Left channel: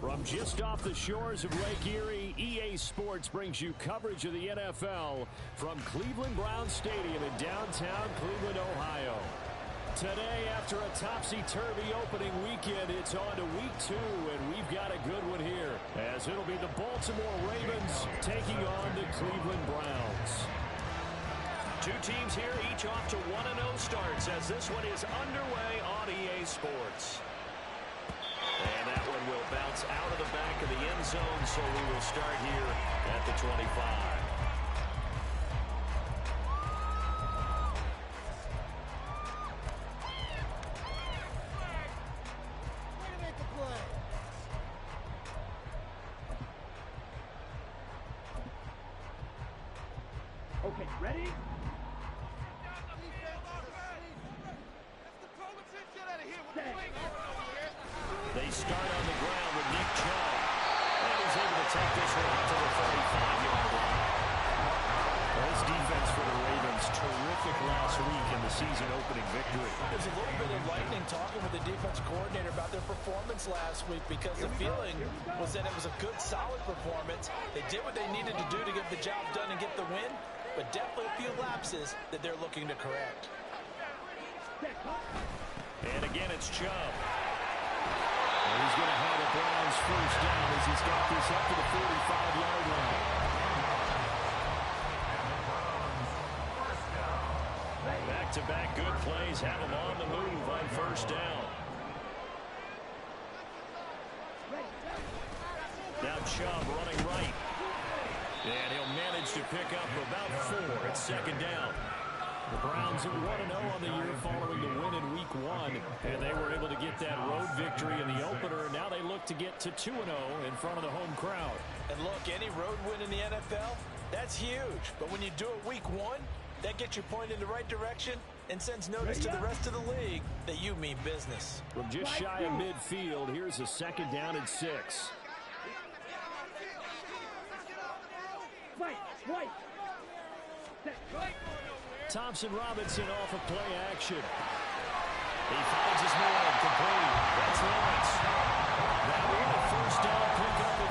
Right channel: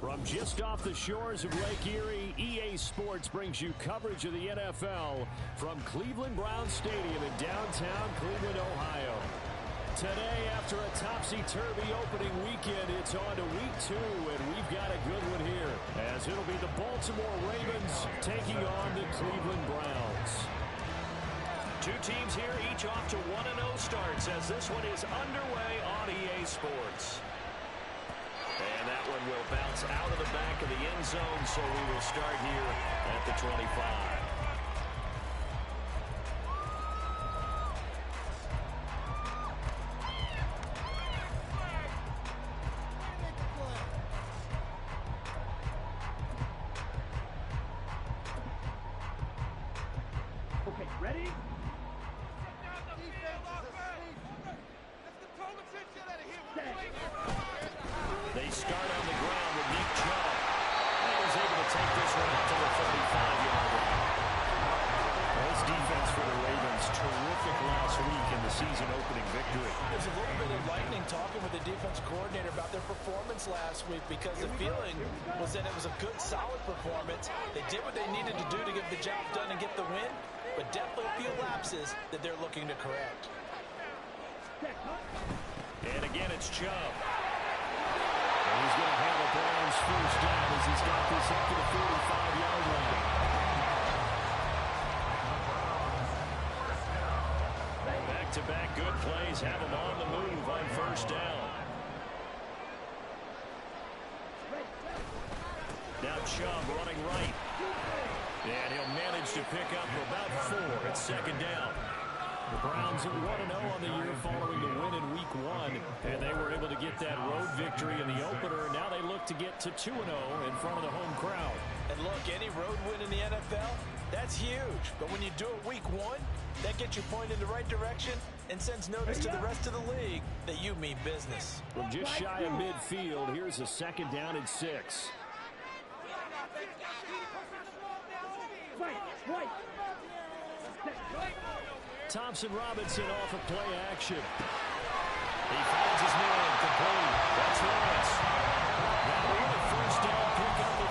From just off the shores of Lake Erie, EA Sports brings you coverage of the NFL from Cleveland Browns Stadium in downtown Cleveland, Ohio. Today, after a topsy-turvy opening weekend, it's on to week 2, and we've got a good one here, as it'll be the Baltimore Ravens taking on the Cleveland Browns. Two teams here, each off to 1-0 starts, as this one is underway on EA Sports. And that one will bounce out of the back of the end zone, so we will start here at the 25. Okay, ready? They start on the ground with Nick Chubb. And he's able to take this one out to the 35-yard line. Well, this defense for the Ravens, terrific last week in the season-opening victory. There's a little bit of lightning talking with the defense coordinator about their performance last week, because the feeling was that it was a good, solid performance. They did what they needed to do to get the job done and get the win, but definitely a few lapses that they're looking to correct. And again, it's Chubb. And he's going to have a Browns first down as he's got this up to the 45-yard line. Back-to-back good plays have him on the move on first down. Now Chubb running right. And he'll manage to pick up about 4 at second down. The Browns are 1-0 on the year following the win in Week 1, and they were able to get that road victory in the opener, and now they look to get to 2-0 in front of the home crowd. And look, any road win in the NFL, that's huge. But when you do it Week 1, that gets you pointed in the right direction and sends notice to the rest of the league that you mean business. From just shy of midfield, here's a second down and 6. Thompson Robinson off of play action. He finds his man complete. That's Lawrence. That one a first down pickup of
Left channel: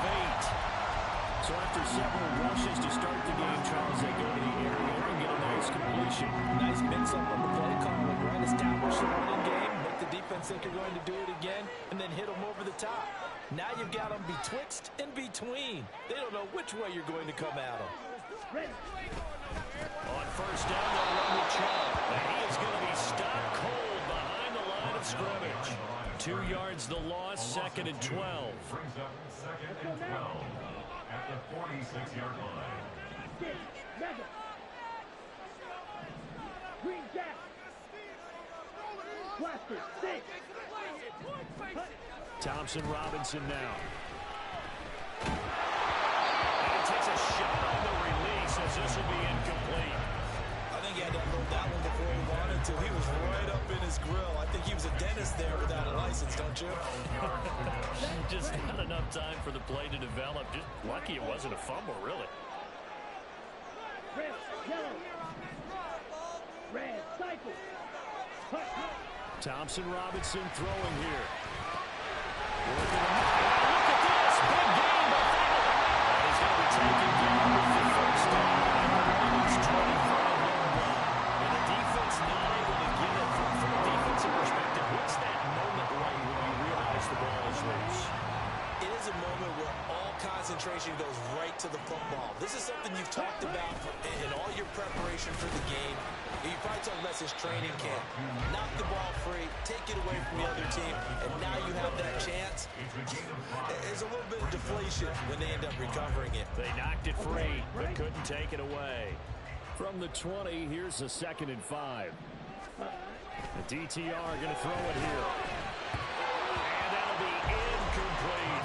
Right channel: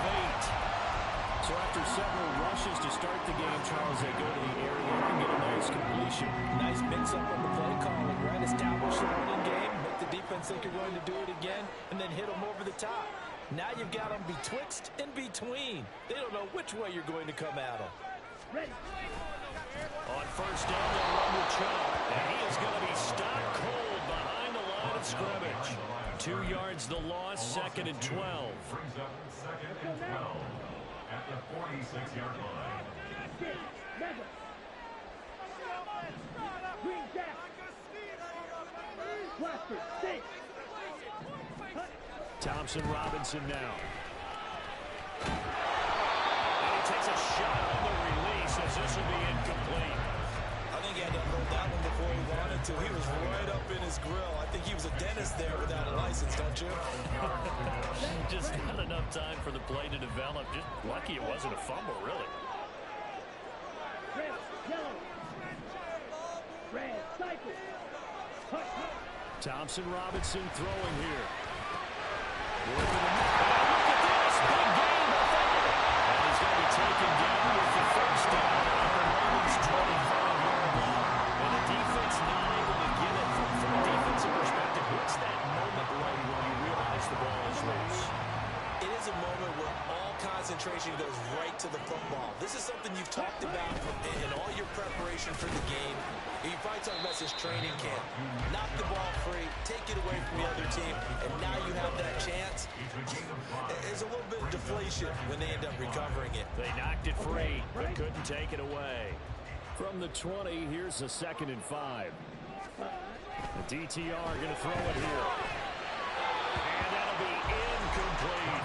8. So after several rushes to start the game, Charles, they go to the area and get a nice completion. Nice mix-up on the play calling, right? Establish the running game, make the defense think you're going to do it again, and then hit them over the top. Now you've got them betwixt and between. They don't know which way you're going to come at them. Ready. On first down, they'll run with Chubb. And he is going to be stopped cold behind the line of scrimmage. 2 yards the loss, second and 12. Brings up second and 12 at the 46-yard line. Green Jack. Blaster, stick. Thompson Robinson now. And he takes a shot on the release as this will be incomplete. I think he had to unload that one before he wanted to. He was right up in his grill. I think he was a dentist there without a license, don't you? Just not enough time for the play to develop. Just lucky it wasn't a fumble, really. Red, yellow. Red, cycle. Thompson Robinson throwing here. Working him. Look at this. Big gain by Fowler. And he's going to be taken down with the first down at the Ravens' 25-yard line. And the defense not able to get it. From a defensive perspective, what's that moment like when you realize the ball is loose? It is a moment where all concentration goes right to the football. This is something you've talked about in all your preparation for the game. You probably talked about since training camp. Knock the ball free, take it away from the other team, and now you have that chance. There's a little bit of deflation when they end up recovering it. They knocked it free, but couldn't take it away. From the 20, here's a second and 5. The DTR going to throw it here. And that'll be incomplete.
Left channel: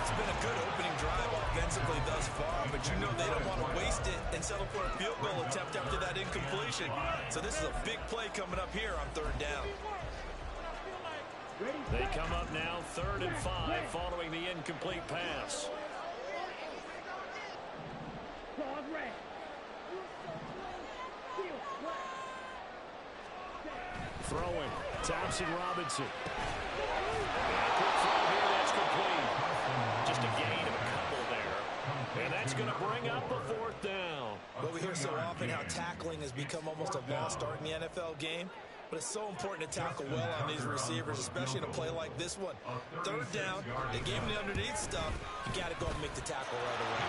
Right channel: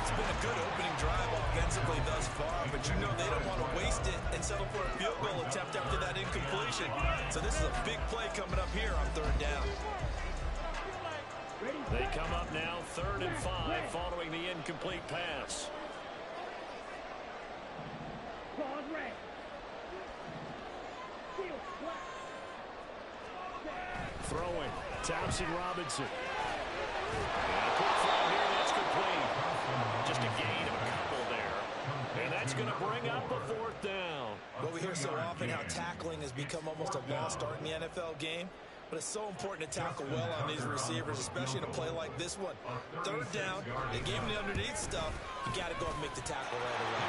It's been a good opening drive offensively thus far, but you know they don't want to waste it and settle for a field goal attempt after that incompletion. So this is a big play coming up here on third down. They come up now, 3rd and 5, following the incomplete pass. Throwing, Thompson Robinson. And a quick throw here, that's complete. And that's going to bring up a fourth down. Well, we hear so often how tackling has become almost a lost art in the NFL game. But it's so important to tackle well on these receivers, especially in a play like this one. Third down, they gave him the underneath stuff. You got to go and make the tackle right away.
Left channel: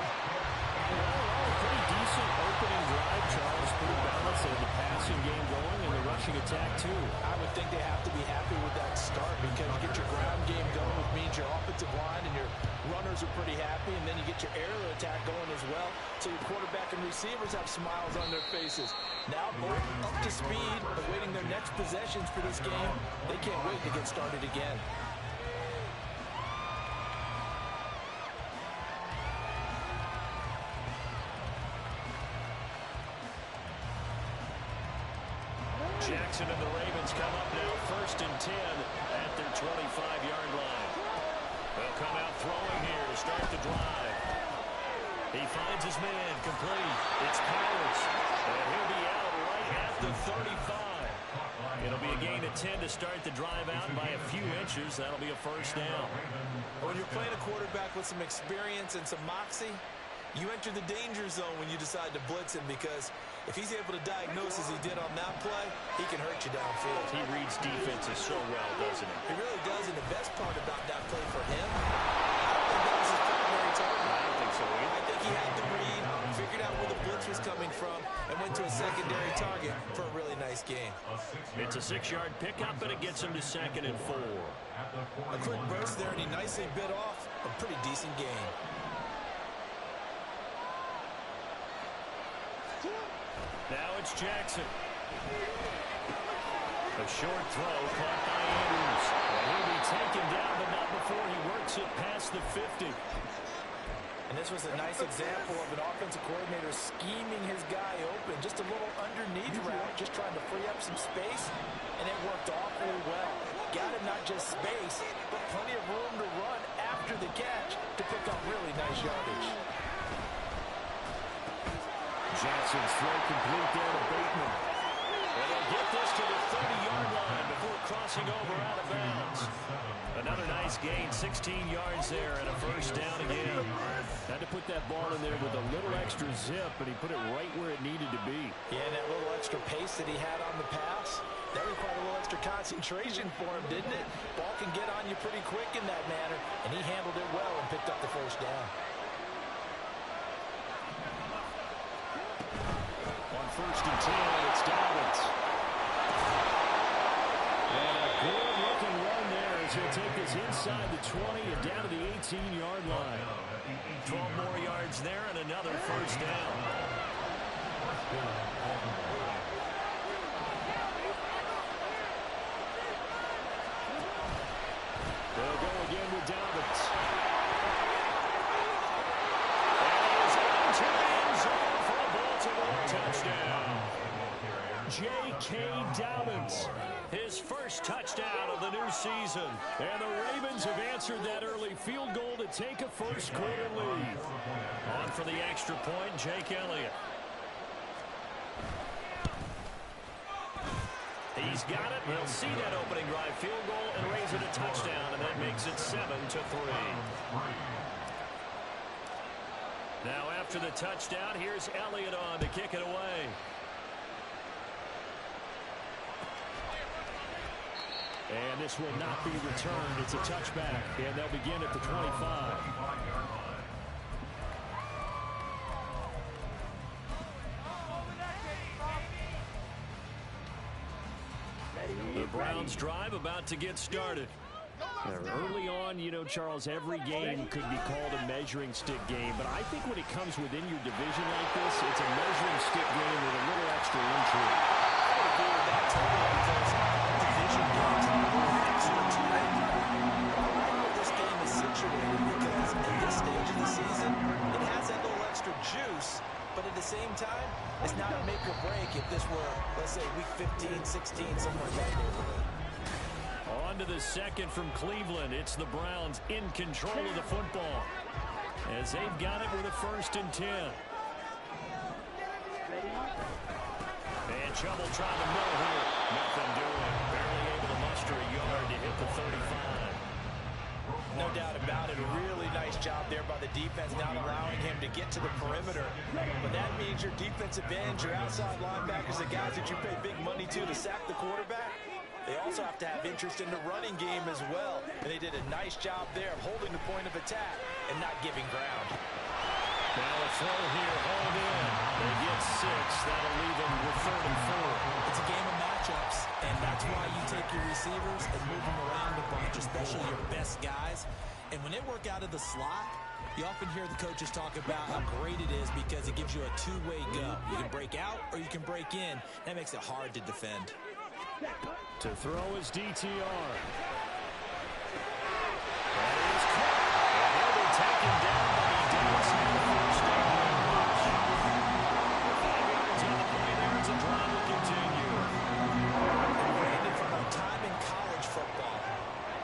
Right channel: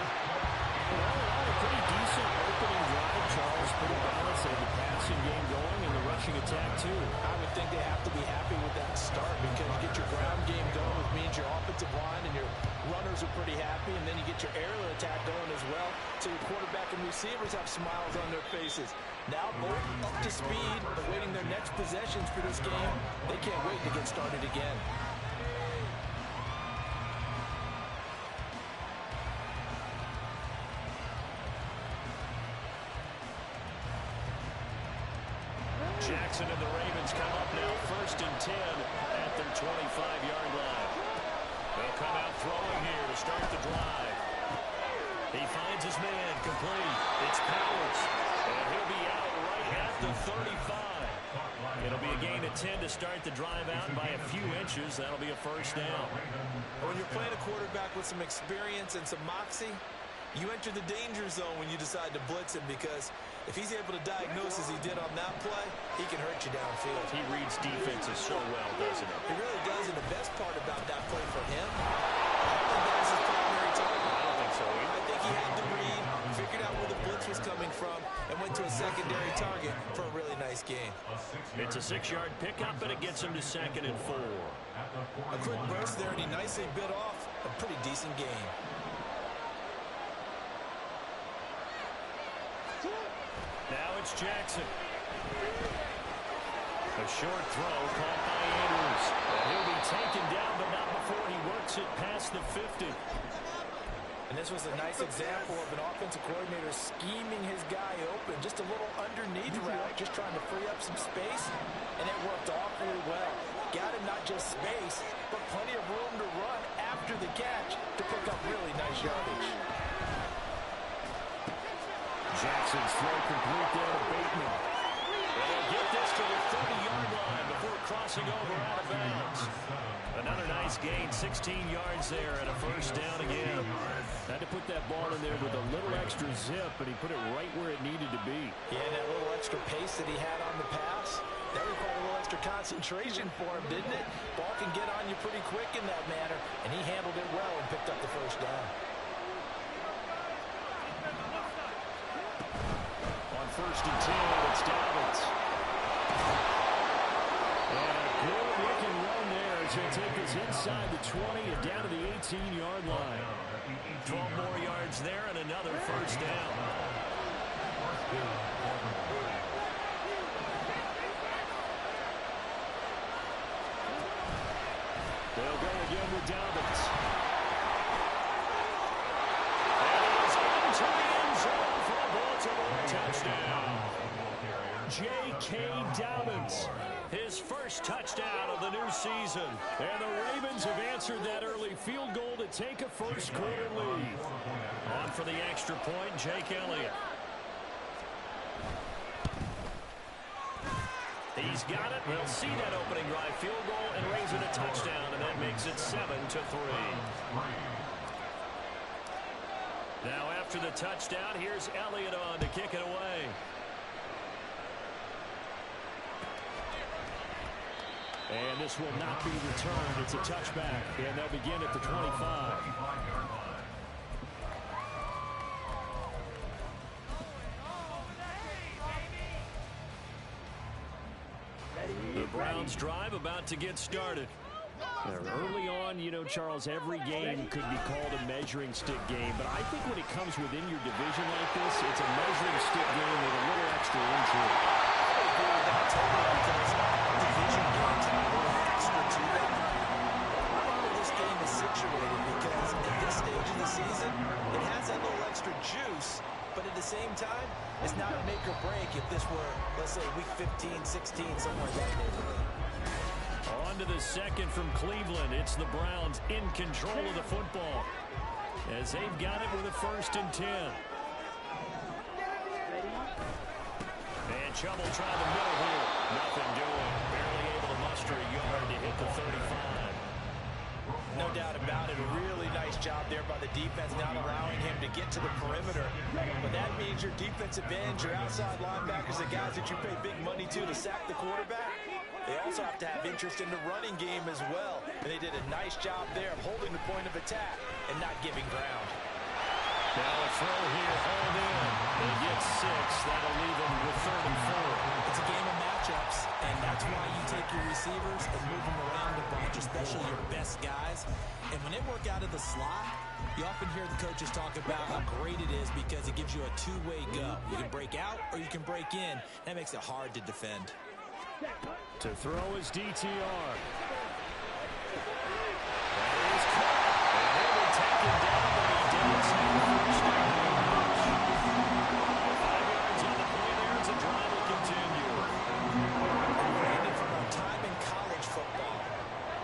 All in all, a pretty decent opening drive, Charles. Pretty balanced. They had the passing game going and the rushing attack, too. I would think they have to be happy with that start because you get your ground game going, which means your offensive line and your runners are pretty happy, and then you get your aerial attack going as well, so your quarterback and receivers have smiles on their faces. Now both up to speed, awaiting their next possessions for this game. They can't wait to get started again. Jackson and the Ravens come up now 1st and 10 at their 25-yard line. They'll come out throwing here to start the drive. He finds his man complete. It's Powers, and he'll be out right at the 35. It'll be a gain of 10 to start the drive out by a few inches. That'll be a first down. When you're playing a quarterback with some experience and some moxie, you enter the danger zone when you decide to blitz him, because if he's able to diagnose as he did on that play, he can hurt you downfield. He reads defenses so well, doesn't he? He really does, and the best part about that play for him, I don't think that was his primary target. I don't think so either. I think he had to read, figured out where the blitz was coming from, and went to a secondary target for a really nice gain. It's a 6-yard pickup, and it gets him to 2nd and 4. A quick burst there, and he nicely bit off a pretty decent gain. Now it's Jackson. A short throw caught by Andrews. And he'll be taken down, but not before he works it past the 50. And this was a nice example of an offensive coordinator scheming his guy open. Just a little underneath route, just trying to free up some space. And it worked awfully well. Got him not just space, but plenty of room to run after the catch to pick up really nice yardage. Jackson's throw complete there to Bateman. And they'll get this to the 30-yard line before crossing over out of bounds. Another nice gain, 16 yards there, and a first down again. Had to put that ball in there with a little extra zip, but he put it right where it needed to be. Yeah, and that little extra pace that he had on the pass, that required a little extra concentration for him, didn't it? Ball can get on you pretty quick in that manner, and he handled it well and picked up the first down. On 1st and 10, it's Dobbins. And a good-looking run there as he'll take this inside the 20 and down to the 18-yard line. 12 more yards there and another first down. They'll go again with Dobbins. And he is into the end zone for a Baltimore touchdown. J.K. Dobbins, his first touchdown of the new season. And the Ravens have answered that early field goal to take a first-quarter lead. On for the extra point, Jake Elliott. He's got it. They'll see that opening drive field goal and raise it a touchdown, and that makes it 7-3. Now after the touchdown, here's Elliott on to kick it away. And this will not be returned. It's a touchback, and they'll begin at the 25. The Browns drive about to get started. Early on, you know, Charles, every game could be called a measuring stick game, but I think when it comes within your division like this, it's a measuring stick game with a little extra into it. I would agree with that totally, because division games have a little extra to them. I like where this game is situated, because at this stage of the season, it has that little extra juice, but at the same time, it's not a make or break if this were, let's say, week 15, 16, somewhere in that neighborhood. On to the second from Cleveland. It's the Browns in control of the football as they've got it with a 1st and 10. And Chubb will try the middle here. Nothing doing. Barely able to muster a yard to hit the 35. No doubt about it. A really nice nice job there by the defense, not allowing him to get to the perimeter. But that means your defensive ends, your outside linebackers, the guys that you pay big money to sack the quarterback, they also have to have interest in the running game as well. And they did a nice job there of holding the point of attack and not giving ground. Now a throw here, hauled in. They get 6. That'll leave them with 3rd and 4. It's a game of matchups, and that's why you take your receivers and move them around a bunch, especially your best guys. And when they work out of the slot, you often hear the coaches talk about how great it is because it gives you a two-way go. You can break out or you can break in. That makes it hard to defend. To throw is DTR. That is caught. And he'll be taken down, but he does have the first down. 5 yards on the play there as the drive will continue. Brandon, from our time in college football,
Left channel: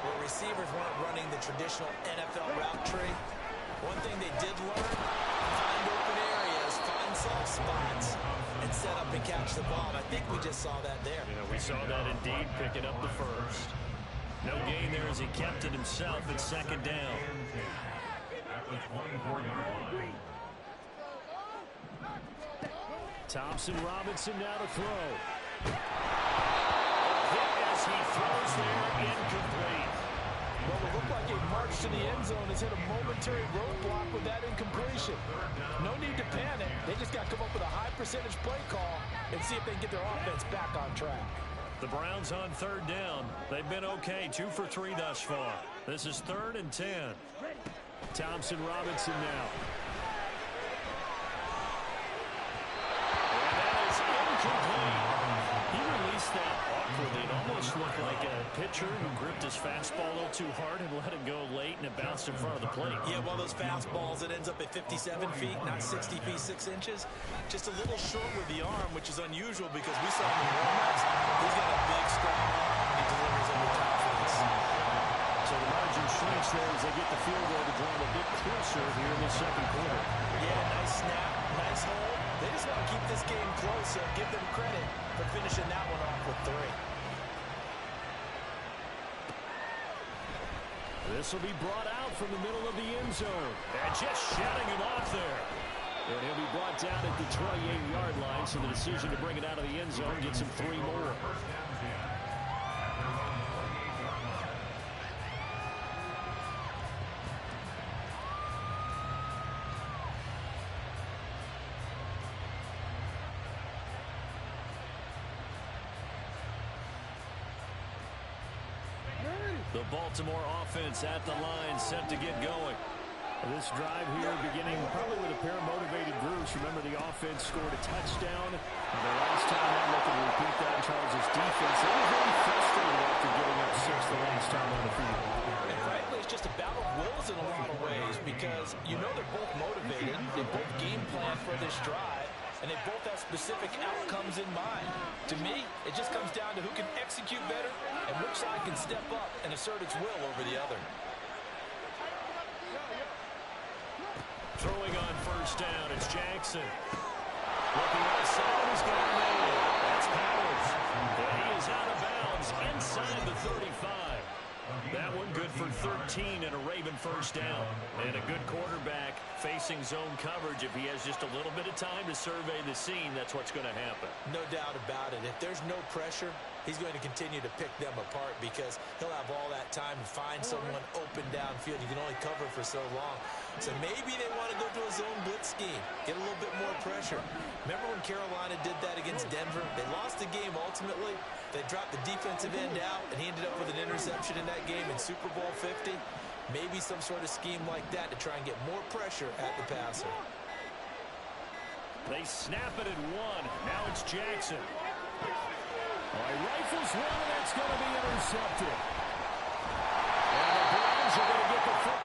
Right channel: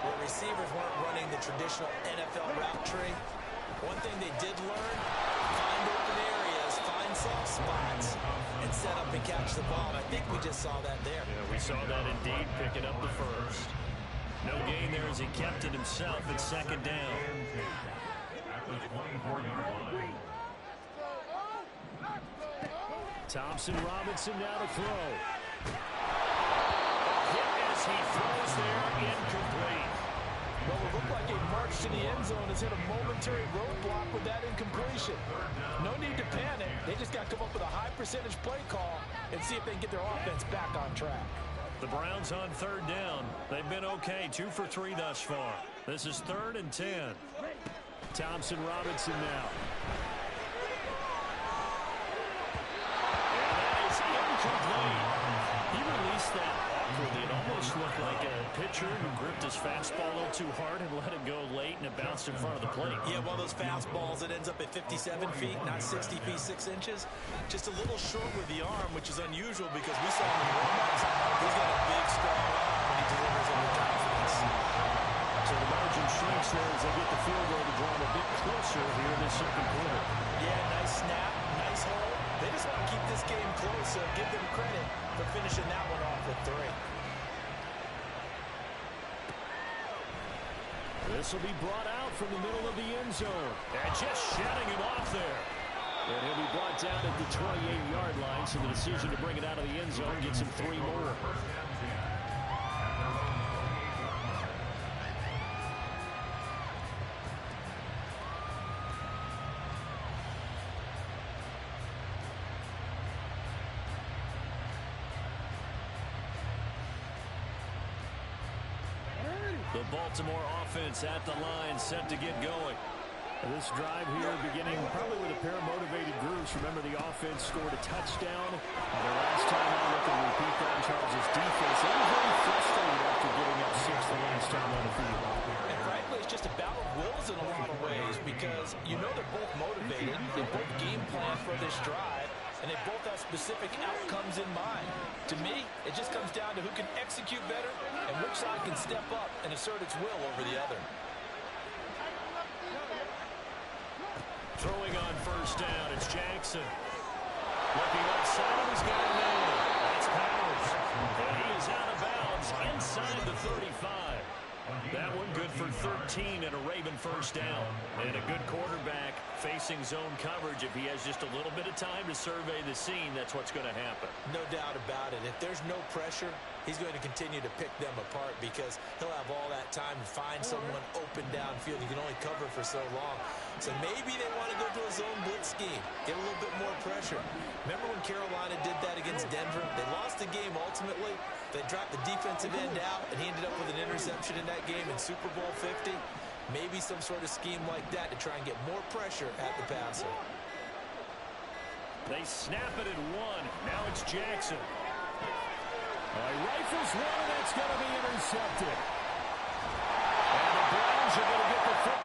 where receivers weren't running the traditional NFL route tree, one thing they did learn, find open areas, find soft spots, and set up and catch the ball. And I think we just saw that there. Yeah, we saw that indeed, picking up the first. No gain there as he kept it himself at 2nd down. At the 24-yard line. Thompson Robinson now to throw. Hit as he throws there, incomplete. Well, it looked like a march to the end zone has hit a momentary roadblock with that incompletion. No need to panic. They just got to come up with a high percentage play call and see if they can get their offense back on track. The Browns on 3rd down. They've been okay, 2 for 3 thus far. This is 3rd and 10. Thompson Robinson now. And that is incomplete. He released that awkwardly. It almost looked like a pitcher who gripped his fastball a little too hard and let it go late, and it bounced in front of the plate. Yeah, one of those fastballs that ends up at 57 feet, not 60 feet, 6 inches. Just a little short with the arm, which is unusual because we saw him in warm-ups. He's got a big, strong arm, and he delivers it with confidence. So the margin shrinks there as they get the field goal to draw them a bit closer here in the 2nd quarter. Yeah, nice snap, nice hold. They just want to keep this game close, so give them credit for finishing that one off with 3. This will be brought out from the middle of the end zone. And just shutting him off there. And he'll be brought down at the 28-yard line, so the decision to bring it out of the end zone gets him 3 more. The Baltimore offense at the line, set to get going. This drive here beginning probably with a pair of motivated groups. Remember, the offense scored a touchdown. The last time out, looking to repeat that, Charles' defense, they were very frustrated after getting up 6 the last time on the field. And frankly, it's just a battle of wills in a lot of ways because you know they're both motivated. They both game plan for this drive, and they both have specific outcomes in mind. To me, it just comes down to who can execute better and which side can step up and assert its will over the other. Throwing on 1st down, it's Jackson. Looking outside, and he's got a man. That's Powers. And he is out of bounds inside the 35. That one good for 13 and a Raven 1st down. And a good quarterback facing zone coverage. If he has just a little bit of time to survey the scene, that's what's going to happen. No doubt about it. If there's no pressure, he's going to continue to pick them apart because he'll have all that time to find someone open downfield. You can only cover for so long. So maybe they want to go to a zone blitz scheme, get a little bit more pressure. Remember when Carolina did that against Denver? They lost the game ultimately. They dropped the defensive end out, and he ended up with an interception in that game in Super Bowl 50. Maybe some sort of scheme like that to try and get more pressure at the passer. They snap it at 1. Now it's Jackson. All right, rifles one, and that's going to be intercepted. And the Browns are going to get the foot.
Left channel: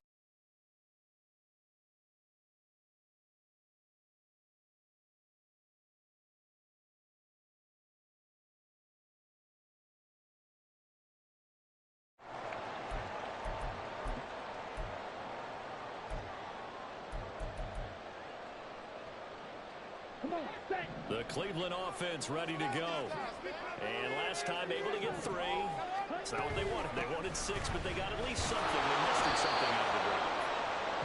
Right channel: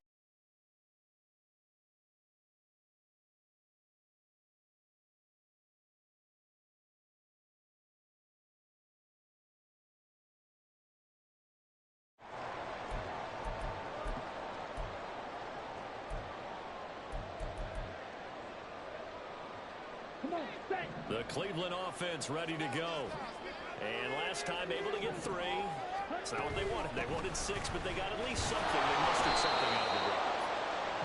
The Cleveland offense ready to go. And last time able to get 3. It's not what they wanted. They wanted 6, but they got at least something. They mustered something out of the drive.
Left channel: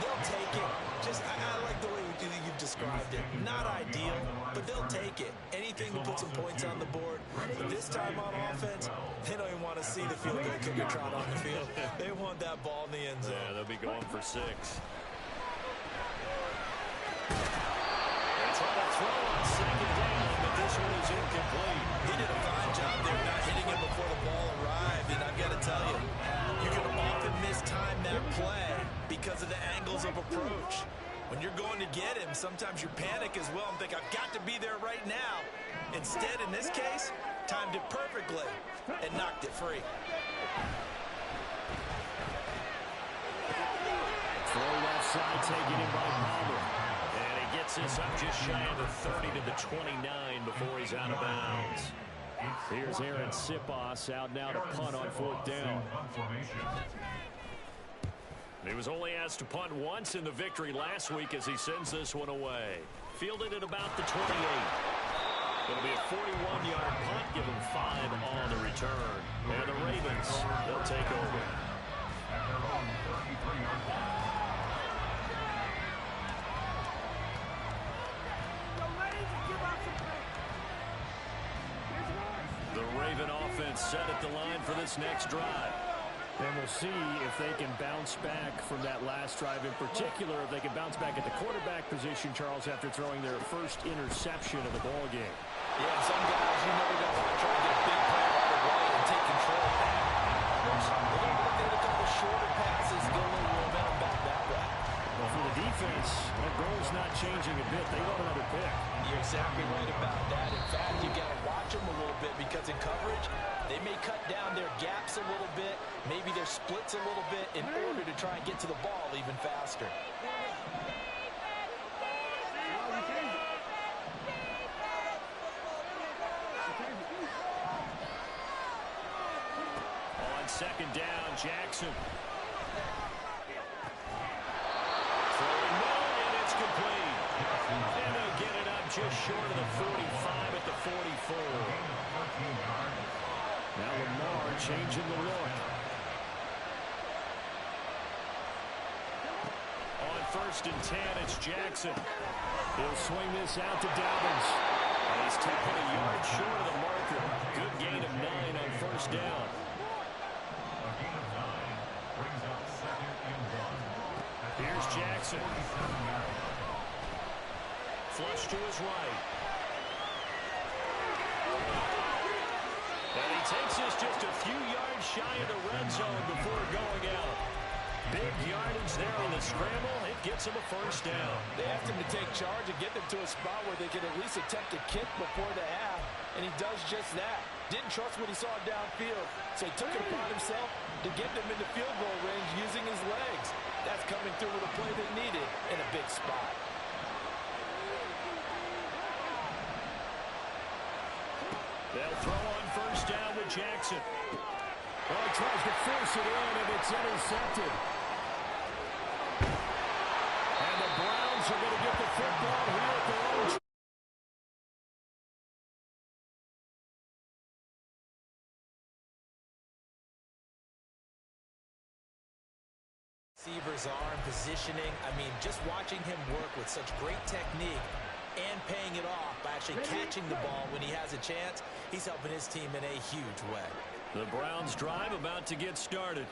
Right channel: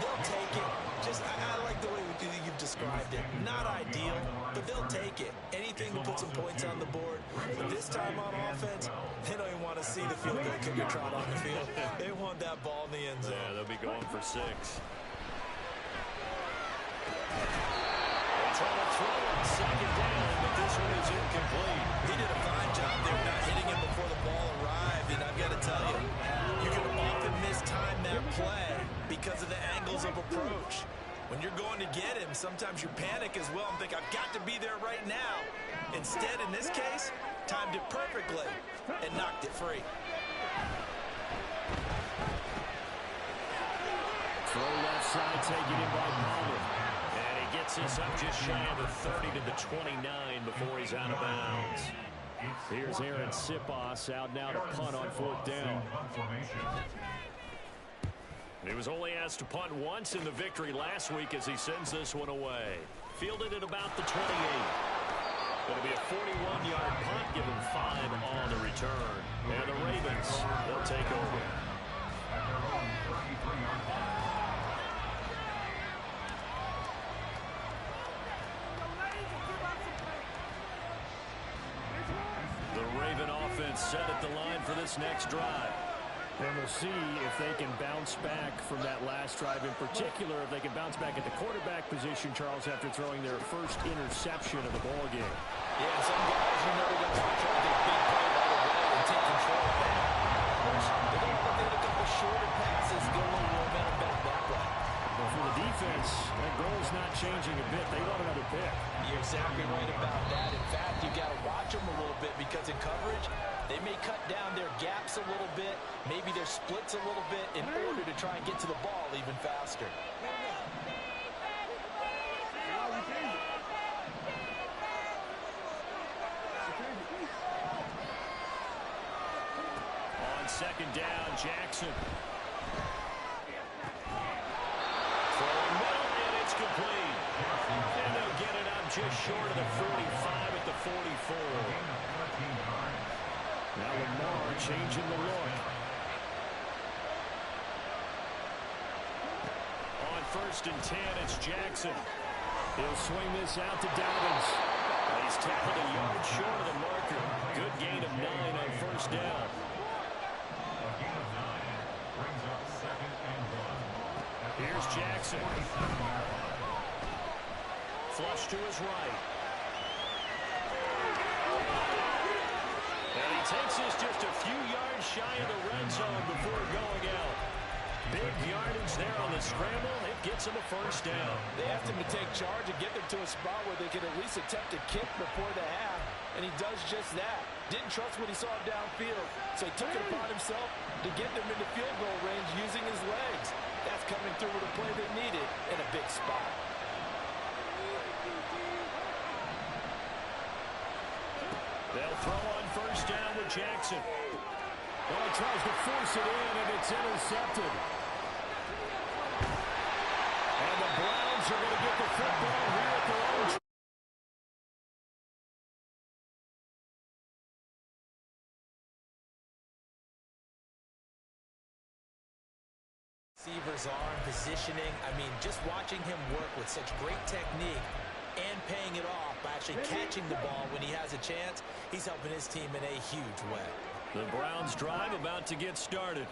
They'll take it. I like the way you've described it. Not ideal, but they'll take it. Anything to put some points on the board. But this time on offense, they don't even want to see the field goal kicker trot on the field. They want that ball in the end zone. Yeah, they'll be going for 6. They try to throw on 2nd down, but this one is incomplete. He did a fine job there not hitting him before the ball arrived, and I've got to tell you, you can often mistime that play because of the angles of approach. When you're going to get him, sometimes you panic as well and think, I've got to be there right now. Instead, in this case, timed it perfectly and knocked it free. Throw left side, taken in by Palmer. And he gets this up just shy of the 30 to the 29 before he's out of bounds. Here's Aaron Sipos out now to punt on 4th down. He was only asked to punt once in the victory last week as he sends this one away. Fielded at about the 28. It'll be a 41-yard punt, give him 5 on the return. And the Ravens, they'll take over. The Raven offense set at the line for this next drive. And we'll see if they can bounce back from that last drive. In particular, if they can bounce back at the quarterback position, Charles, after throwing their first interception of the ball game. Yeah, some guys, you know, they're going to want to try to get a big play right away and take control of that. Others, they're going to want to get a couple shorter passes, get a little momentum back that way. Well, for the defense, that goal's not changing a bit. They want another pick. You're exactly right about that. In fact, you got to watch them a little bit because in coverage, they may cut down their gaps a little bit, maybe their splits a little bit in order to try and get to the ball even faster. On 2nd down, Jackson. Throwing middle, and it's complete. And they'll get it up just short of the 45 at the 44. Now Lamar changing the look. On 1st and 10, it's Jackson. He'll swing this out to Dobbins. And he's tackled a yard short of the marker. Good gain of 9 on 1st down. A gain of 9 brings up 2nd and 1. Here's Jackson. Flush to his right. And he takes this just a few yards shy of the red zone before going out. Big yardage there on the scramble. It gets him a 1st down. They asked him to take charge and get them to a spot where they could at least attempt a kick before the half, and he does just that. Didn't trust what he saw downfield, so he took it upon himself to get them into field goal range using his legs. That's coming through with a play they needed in a big spot. They'll throw on 1st down with Jackson. Oh, he tries to force it in, and it's intercepted. And the Browns are going to get the football here at their own. Receivers are in positioning. I mean, just watching him work with such great technique and paying it off by actually catching the ball when he has a chance, he's helping his team in a huge way. The Browns drive about to get started.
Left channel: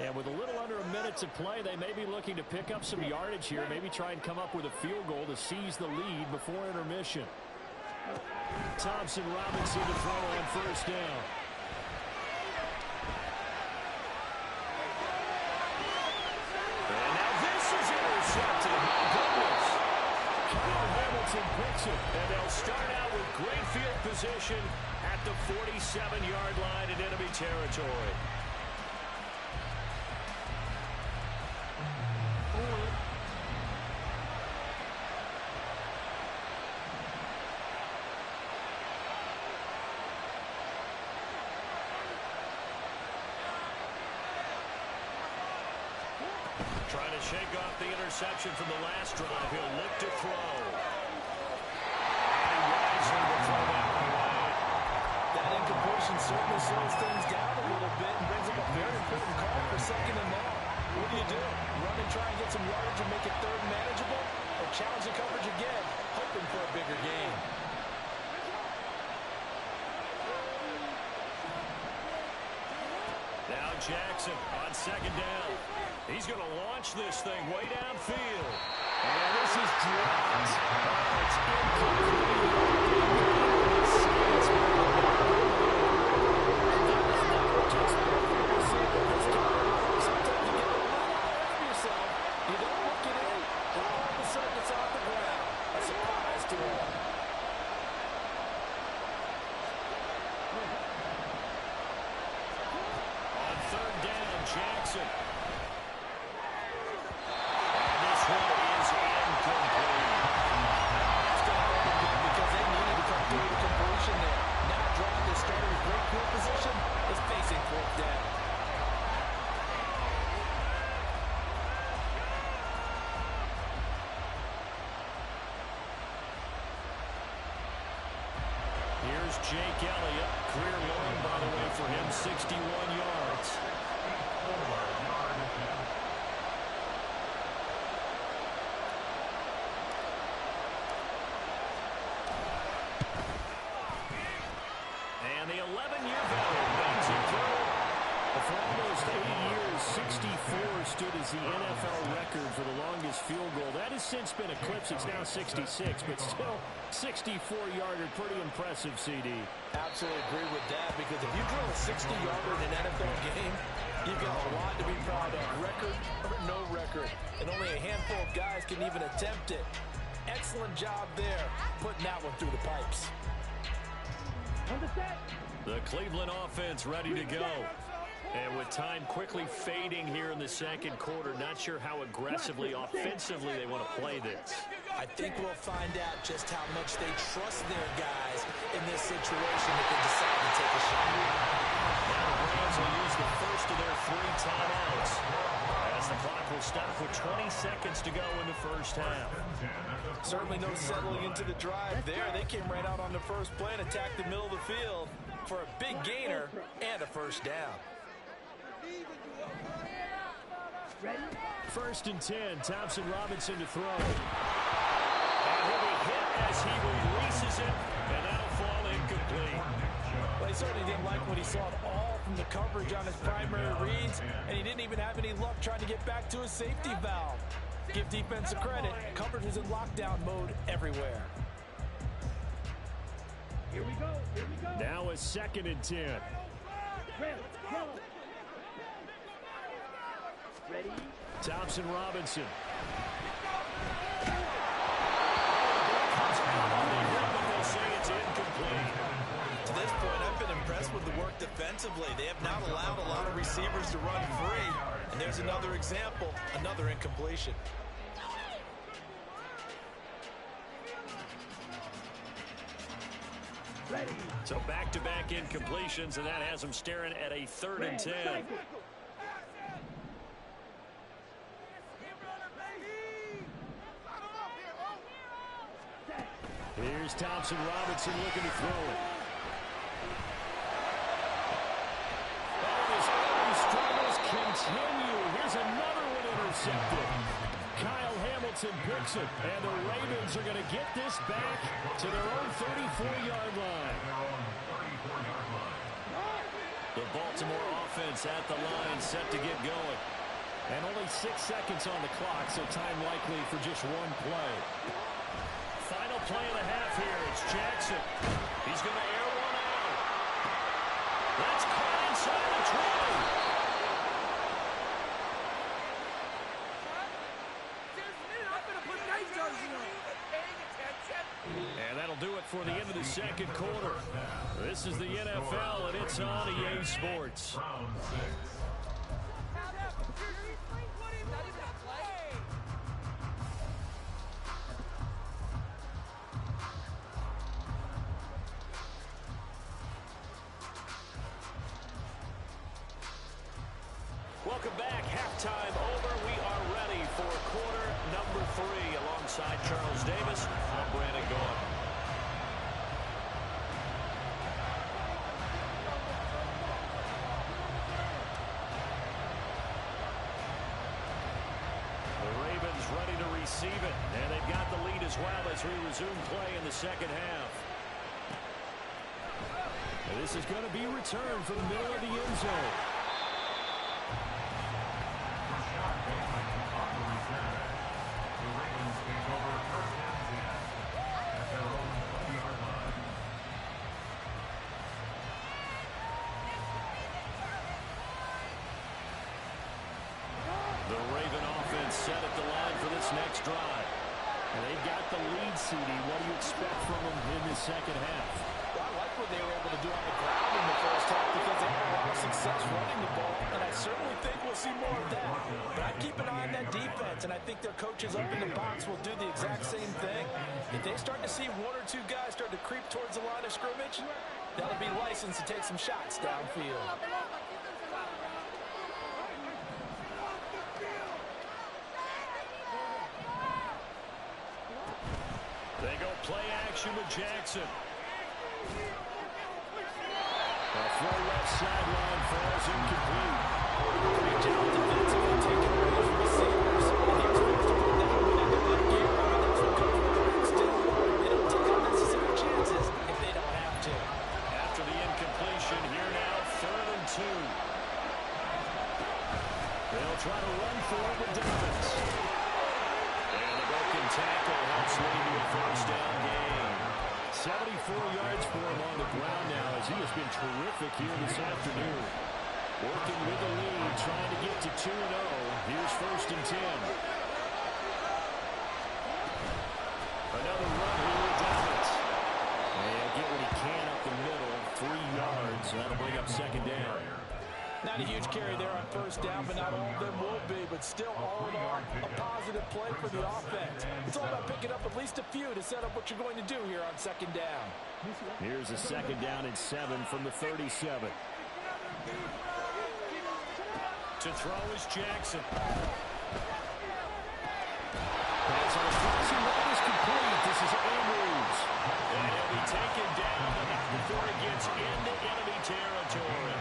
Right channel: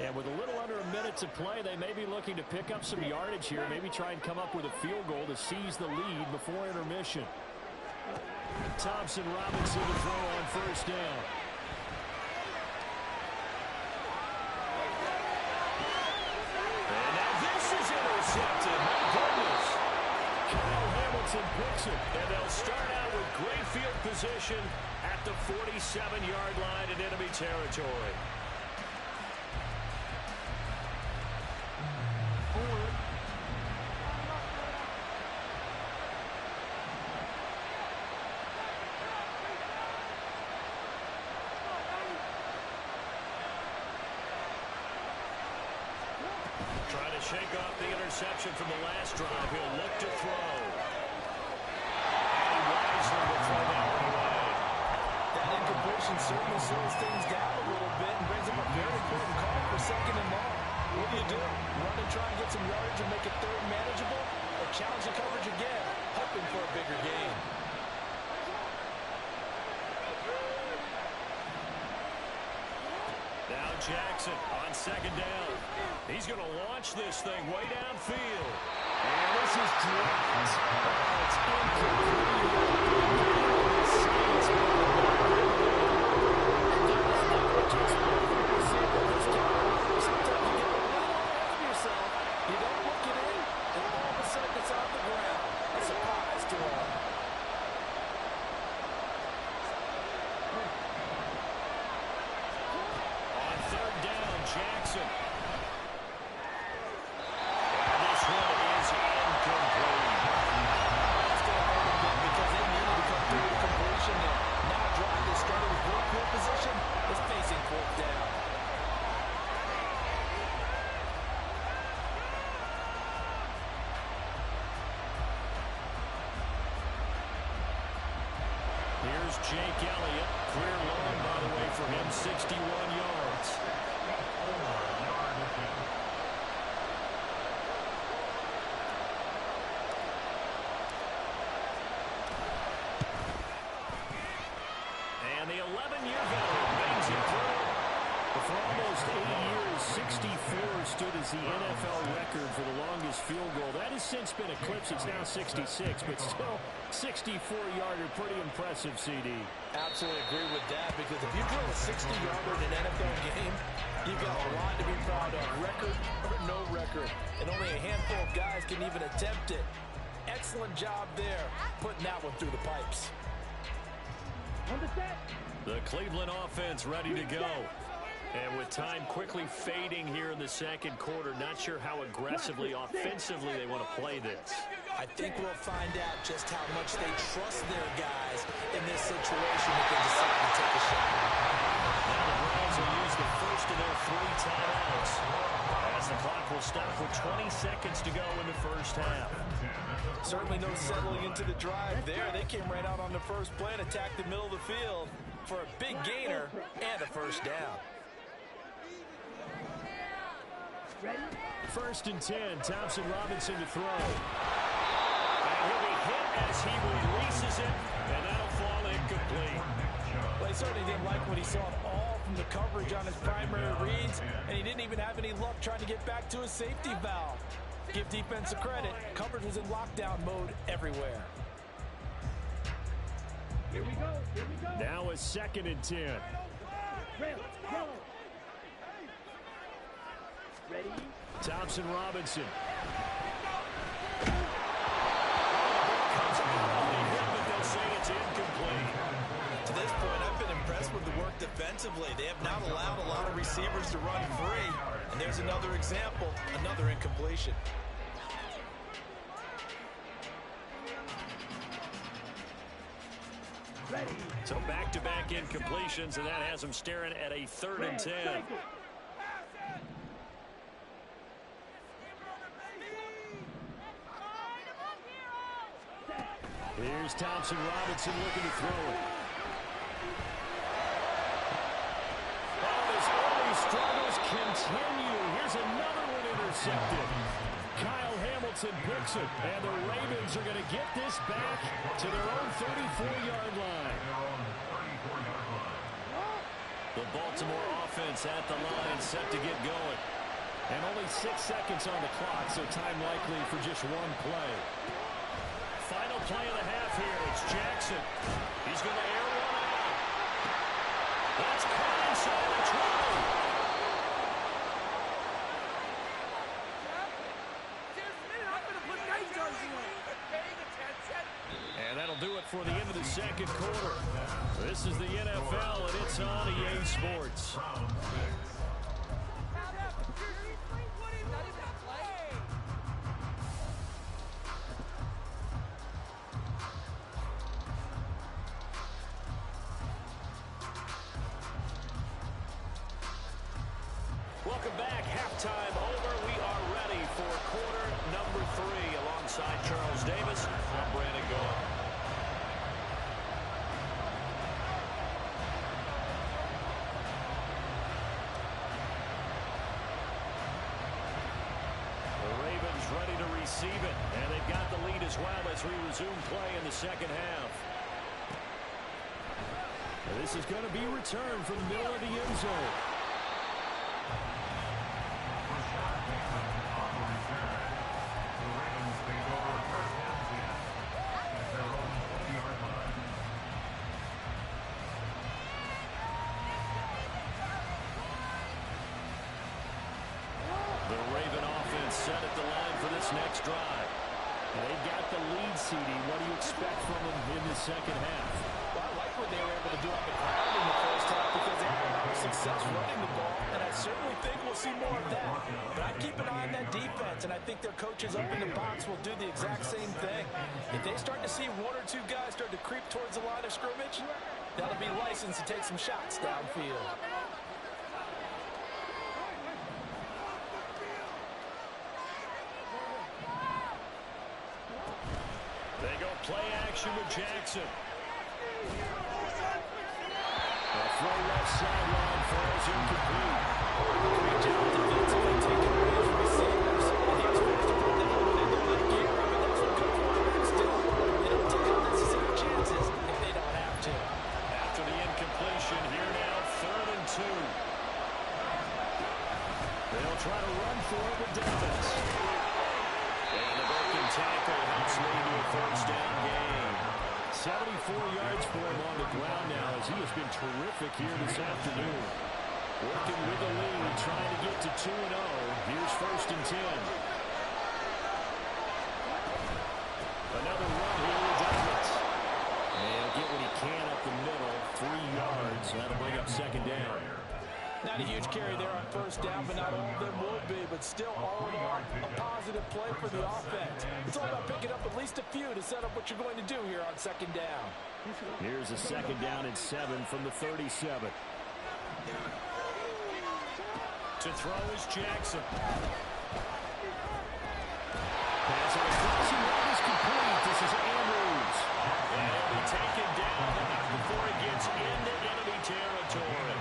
And with a little under a minute to play, they may be looking to pick up some yardage here, maybe try and come up with a field goal to seize the lead before intermission. Thompson Robinson to throw on 1st down. And now this is intercepted. My goodness. Kyle Hamilton picks it, and they'll start out with great field position at the 47-yard line in enemy territory. Trying to shake off the interception from the last drive. He'll look to throw. And he wisely will throw that one away. That incompletion certainly slows things down a little bit and brings up a very important call for 2nd and long. What do? Run and try and get some yardage and make it third manageable, or challenge the coverage again, hoping for a bigger gain. Now Jackson on second down. He's going to launch this thing way downfield. And this is dropped. Oh, it's Sometimes you get a little ahead of yourself. You don't look it in, and all of a sudden it's on the ground. A surprise to all. On third down, Jackson. And this one is incomplete. That's going to hurt a bit because they needed to come through the completion there. Now a drive that started with great field position is facing fourth down. Here's Jake Elliott. Career long, by the way, for him, 61 yards. 4-yard attempt. And the 11-year veteran bangs it through. For almost 8 years, 64 stood as the NFL record for the longest field goal. That has since been eclipsed. It's now 66, but still 64-yarder. Pretty impressive, CD. Absolutely agree with that, because if you drill a 60-yarder in an NFL game, you've got a lot to be proud of, record or no record. And only a handful of guys can even attempt it. Excellent job there, putting that one through the pipes. On the set. The Cleveland offense ready to go. And with time quickly fading here in the second quarter, not sure how aggressively, offensively they want to play this. I think we'll find out just how much they trust their guys in this situation if they decide to take a shot. Now the Browns will use the first of their 3 timeouts as the clock will stop with 20 seconds to go in the first half. Certainly no settling into the drive there. They came right out on the first play and attacked the middle of the field for a big gainer and a first down. Ready? First and 10, Thompson Robinson to throw. And he'll be hit as he releases it, and that'll fall incomplete. Well, he certainly didn't like what he saw at all from the coverage on his primary reads, and he didn't even have any luck trying to get back to his safety valve. Give defense a credit. Coverage was in lockdown mode everywhere. Here we go. Here we go. Now a second and 10. Red, yellow. Ready? Thompson Robinson. Oh, the ball comes out on the hit, but they'll say it's incomplete. To this point, I've been impressed with the work defensively. They have not allowed a lot of receivers to run free. And there's another example, another incompletion. Ready? So back-to-back incompletions, and that has them staring at a 3rd and 10. Here's Thompson Robinson looking to throw it. Oh, his early struggles continue. Here's another one intercepted. Kyle Hamilton picks it, and the Ravens are going to get this back to their own 34-yard line. The Baltimore offense at the line, set to get going. And only 6 seconds on the clock, so time likely for just one play. Final play of the half here. It's Jackson. He's going to air one out. That's caught inside the 20. And that'll do it for the end of the second quarter. This is the NFL, and it's on EA Sports. Welcome back. Halftime over. We are ready for quarter number 3. Alongside Charles Davis, I'm Brandon Gaughan. receive it. And they've got the lead as well as we resume play in the second half. And this is going to be returned from the middle of the end zone. The Ravens take over first and 10 at their own 20-yard line. The Raven offense set at the line for this next drive. And they've got the lead, CD. What do you expect from them in this second half? Well, I like what they were able to do on the ground in the first half because they had a lot of success running the ball, and I certainly think we'll see more of that. But I'd keep an eye on that defense, and I think their coaches up in the box will do the exact same thing. If they start to see one or two guys start to creep towards the line of scrimmage, that'll be licensed to take some shots downfield. They go play action with Jackson. A throw left sideline falls incomplete. Great job defensively taking away his receivers. And he was forced to put that one into the gear. I mean, that's what good quarterbacks do. They don't take unnecessary chances if they don't have to. After the incompletion, here now, 3rd and 2. They'll try to run for it with Dobbins. And the broken tackle helps lead to a first down gain. 74 yards for him on the ground now as he has been terrific here this afternoon. Working with the lead, trying to get to 2-0. Here's 1st and 10. Another run here with Dobbins. And he'll get what he can up the middle, 3 yards. That'll bring up 2nd down. Not a huge carry there on 1st down, but not all of them will be. But still, all in all, a positive play for the offense. It's all about picking up at least a few to set up what you're going to do here on 2nd down. Here's a 2nd down and 7 from the 37. To throw is Jackson. Pass on the crossing route is complete. This is Andrews. And he'll be taken down, but not before it gets into enemy territory.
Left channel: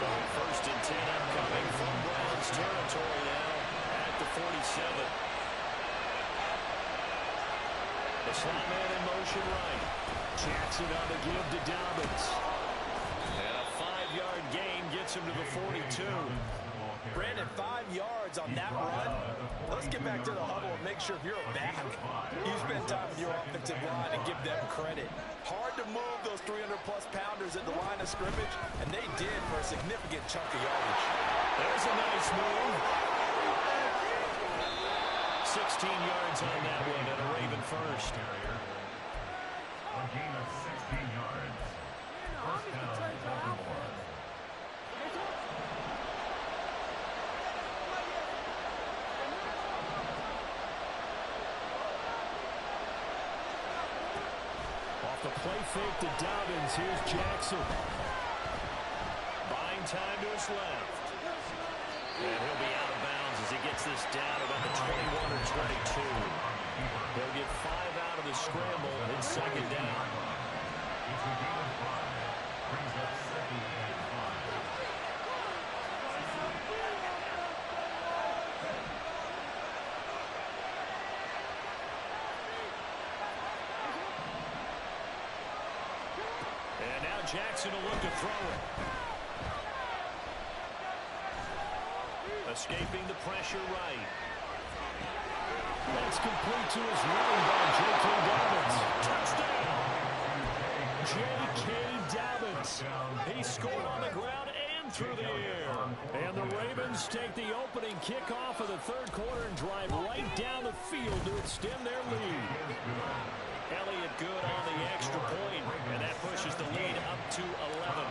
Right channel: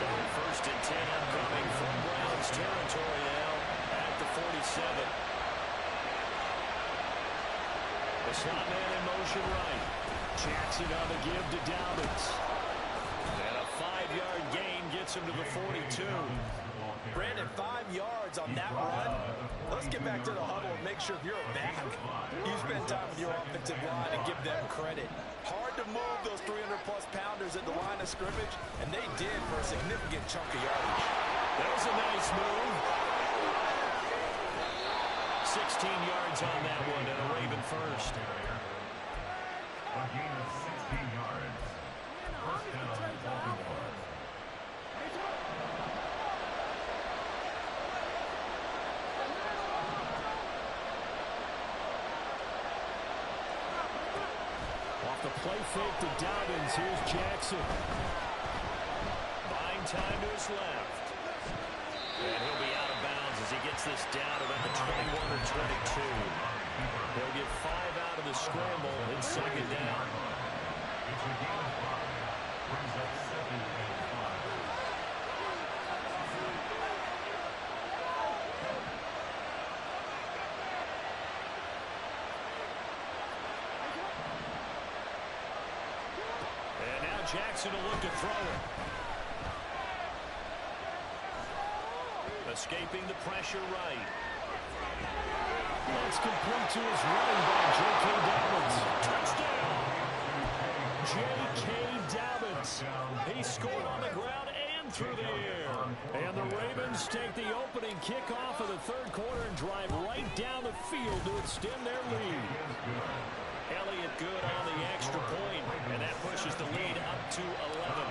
So 1st and 10 upcoming from Browns territory now at the 47. The slot man in motion right. Jackson on the give to Dobbins. And a 5-yard gain gets him to the 42. Brandon, 5 yards on that run. Let's get back to the huddle and make sure if you're a back, you spend time with your offensive line and give them credit. Hard to move those 300-plus pounders at the line of scrimmage, and they did for a significant chunk of yardage. There's a nice move. 16 yards on that one, and a Raven first. A gain of 16 yards. First down, Baltimore. Off the play fake to Dobbins. Here's Jackson. Buying time to his left. And he'll be out of bounds as he gets this down about the 21 or 22. He'll get 5 out of the scramble in 2nd down. It's a gain of 5. Brings up 2nd and 5. And now Jackson will look to throw it. Escaping the pressure right. That's complete to his running back, J.K. Dobbins. Touchdown! J.K. Dobbins. He scored on the ground and through the air. And the Ravens take the opening kickoff of the 3rd quarter and drive right down the field to extend their lead. Elliott good on the extra point, and that pushes the lead up to 11.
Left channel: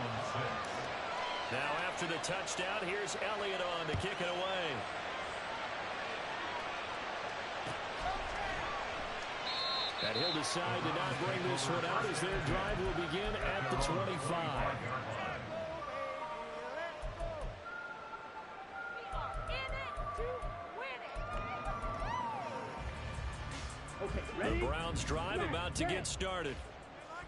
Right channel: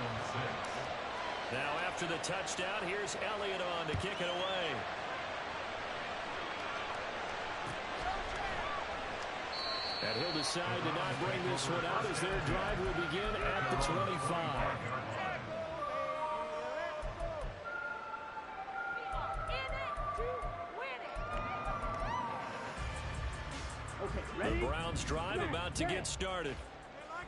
Now after the touchdown, here's Elliott on to kick it away. And he'll decide to not bring this one out as their drive will begin at the 25. The Browns drive about to get started.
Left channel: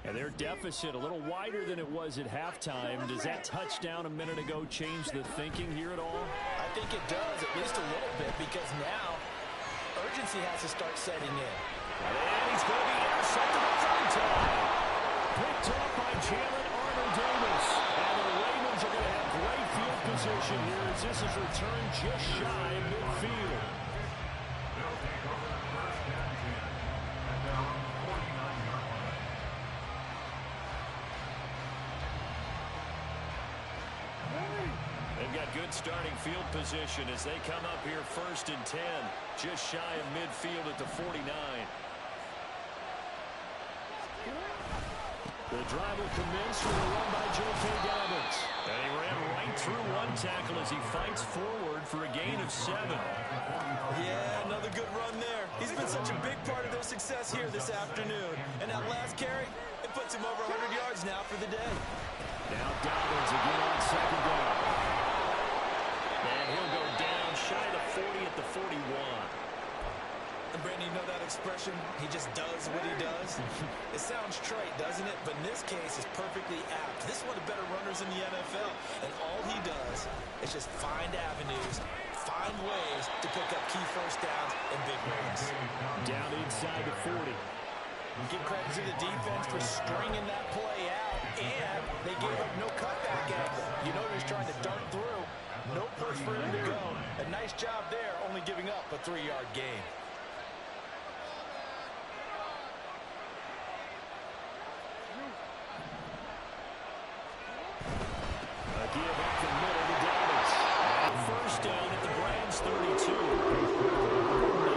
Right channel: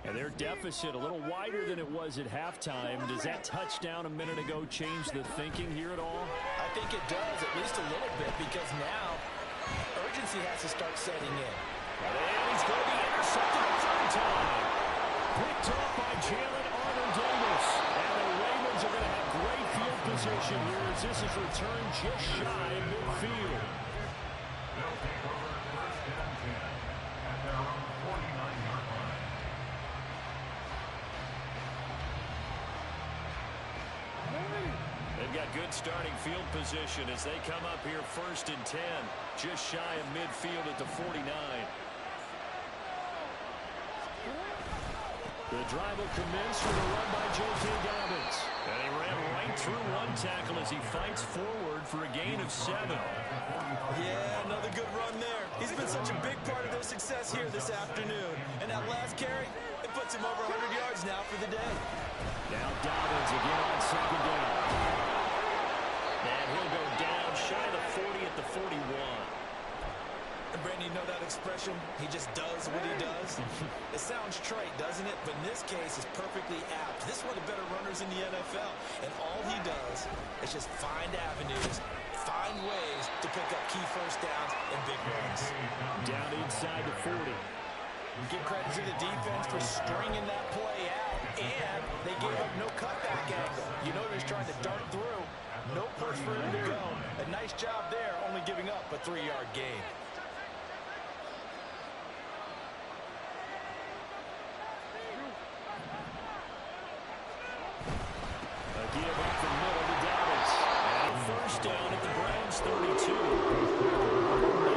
And their deficit a little wider than it was at halftime. Does that touchdown a minute ago change the thinking here at all? I think it does, at least a little bit, because now urgency has to start setting in. And he's going to be intercepted a third time. Picked off by Jalen Armour-Davis. And the Ravens are going to have great field position here as this is returned just shy of midfield. They'll take over first and 10 at their own 49-yard line. They've got good starting field position as they come up here first and 10, just shy of midfield at the 49. The drive will commence with a run by J.K. Dobbins. And he ran right through one tackle as he fights forward for a gain of 7. Yeah, another good run there. He's been such a big part of their success here this afternoon. And that last carry, it puts him over 100 yards now for the day. Now Dobbins again on second down. And he'll go down shy of the 40 at the 41. And Brandon, you know that expression? He just does what he does. It sounds trite, doesn't it? But in this case, it's perfectly apt. This is one of the better runners in the NFL. And all he does is just find avenues, find ways to pick up key first downs and big runs. Down inside the 40. Give credit to the defense for stringing that play out. And they gave up no cutback angle. You know he's trying to dart through. No push for him to go. A nice job there, only giving up a 3-yard gain. A give up the middle to Dobbins. And first down at the Browns 32.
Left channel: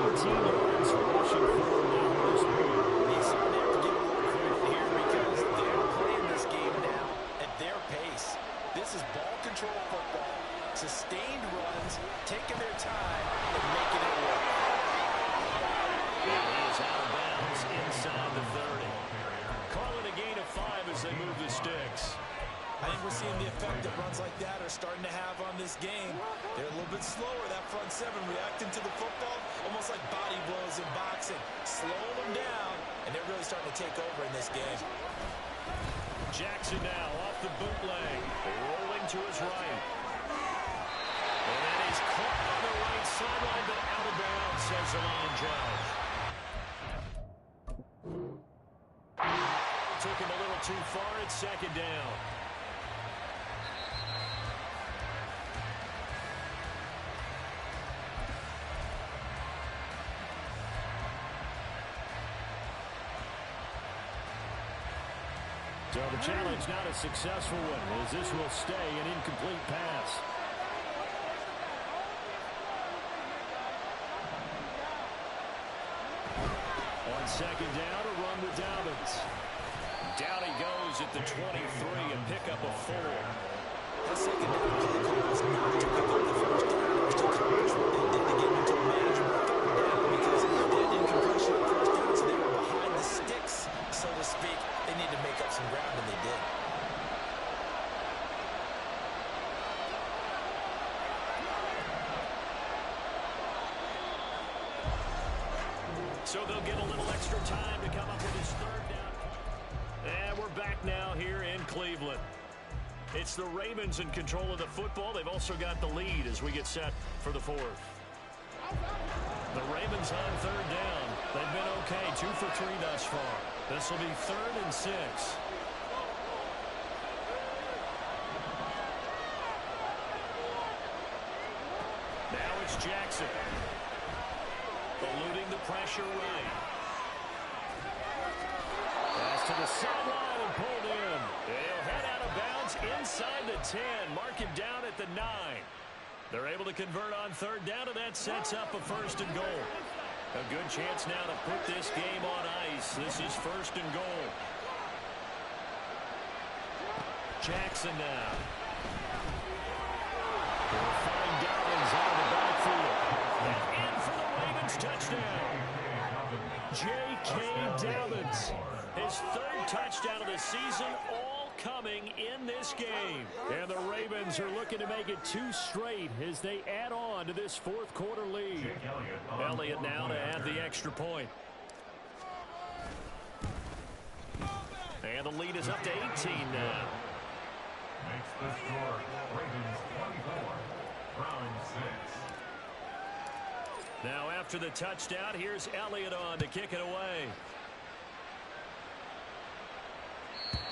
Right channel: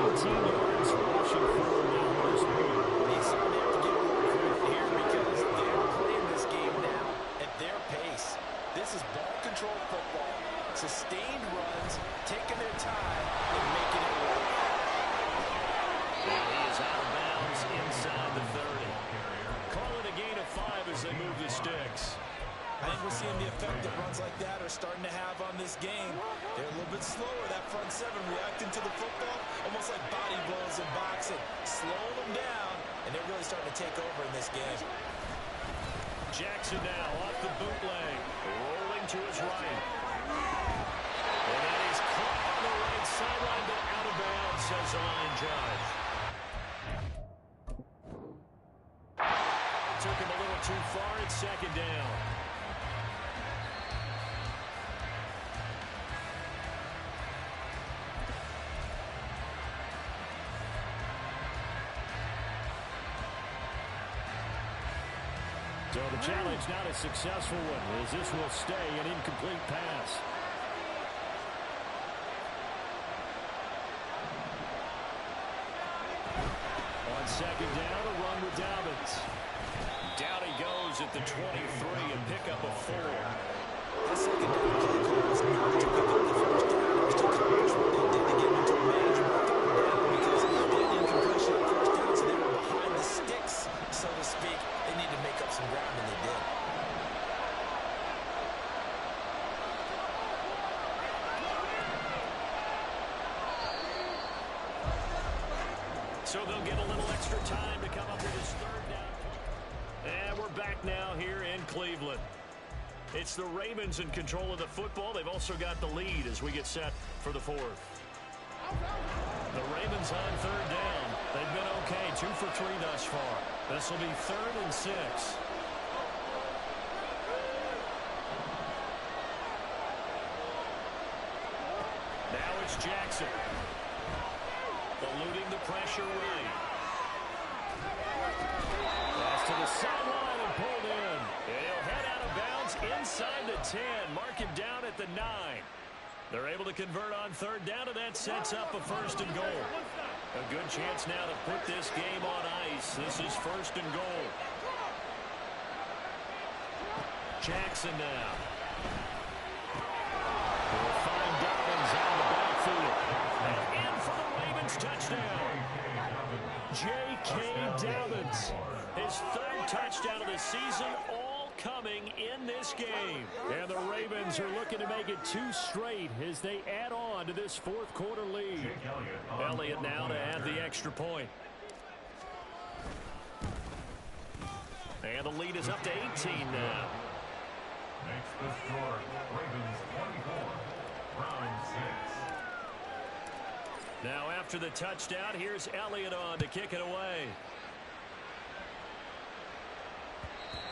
19 yards rushing forward now at this point. He's starting to have to give a little credit here because they're playing this game now at their pace. This is ball control football, sustained runs, taking their time and making it work. And he is out of bounds inside the 30. Call it a gain of 5 as they move the sticks. I think we're seeing the effect that runs like that are starting to have on this game. They're a little bit slower, that front seven, reacting to the football, almost like body blows in boxing, slowing them down, and they're really starting to take over in this game. Jackson now off the bootleg, rolling to his right. And then he's caught on the right sideline, but out of bounds, says the line judge. Took him a little too far at second down. So the challenge not a successful one, as this will stay an incomplete pass. On second down, a run with Dobbins. Down he goes at the 23 and pick up a 4. That second down play call was not to pick up the first down. It was to accomplish what they did to get into a manageable third down because they had incompletion on first down, so they were behind the sticks, so to speak. They need to make up some ground, and they did. So they'll get a little extra time to come up with his third down play. And we're back now here in Cleveland. It's the Ravens in control of the football. They've also got the lead as we get set for the fourth. The Ravens on third down. They've been okay, 2 for 3 thus far. This will be 3rd and 6. Now it's Jackson. Eluding the pressure right. Pass to the sideline and pulled in. He'll head out of bounds inside the 10. Mark him down at the 9. They're able to convert on third down, and that sets up a 1st and goal. A good chance now to put this game on ice. This is 1st and goal. Jackson now. We'll find Dobbins out of the backfield. And in for the Ravens touchdown. J.K. Dobbins. His 3rd touchdown of the season, all coming in this game. And the Ravens are looking to make it 2 straight as they add on to this 4th quarter lead. Elliott now to add the extra point. And the lead is up to 18 now. Makes the score Ravens 24, Browns 6. Now after after the touchdown, here's Elliott on to kick it away.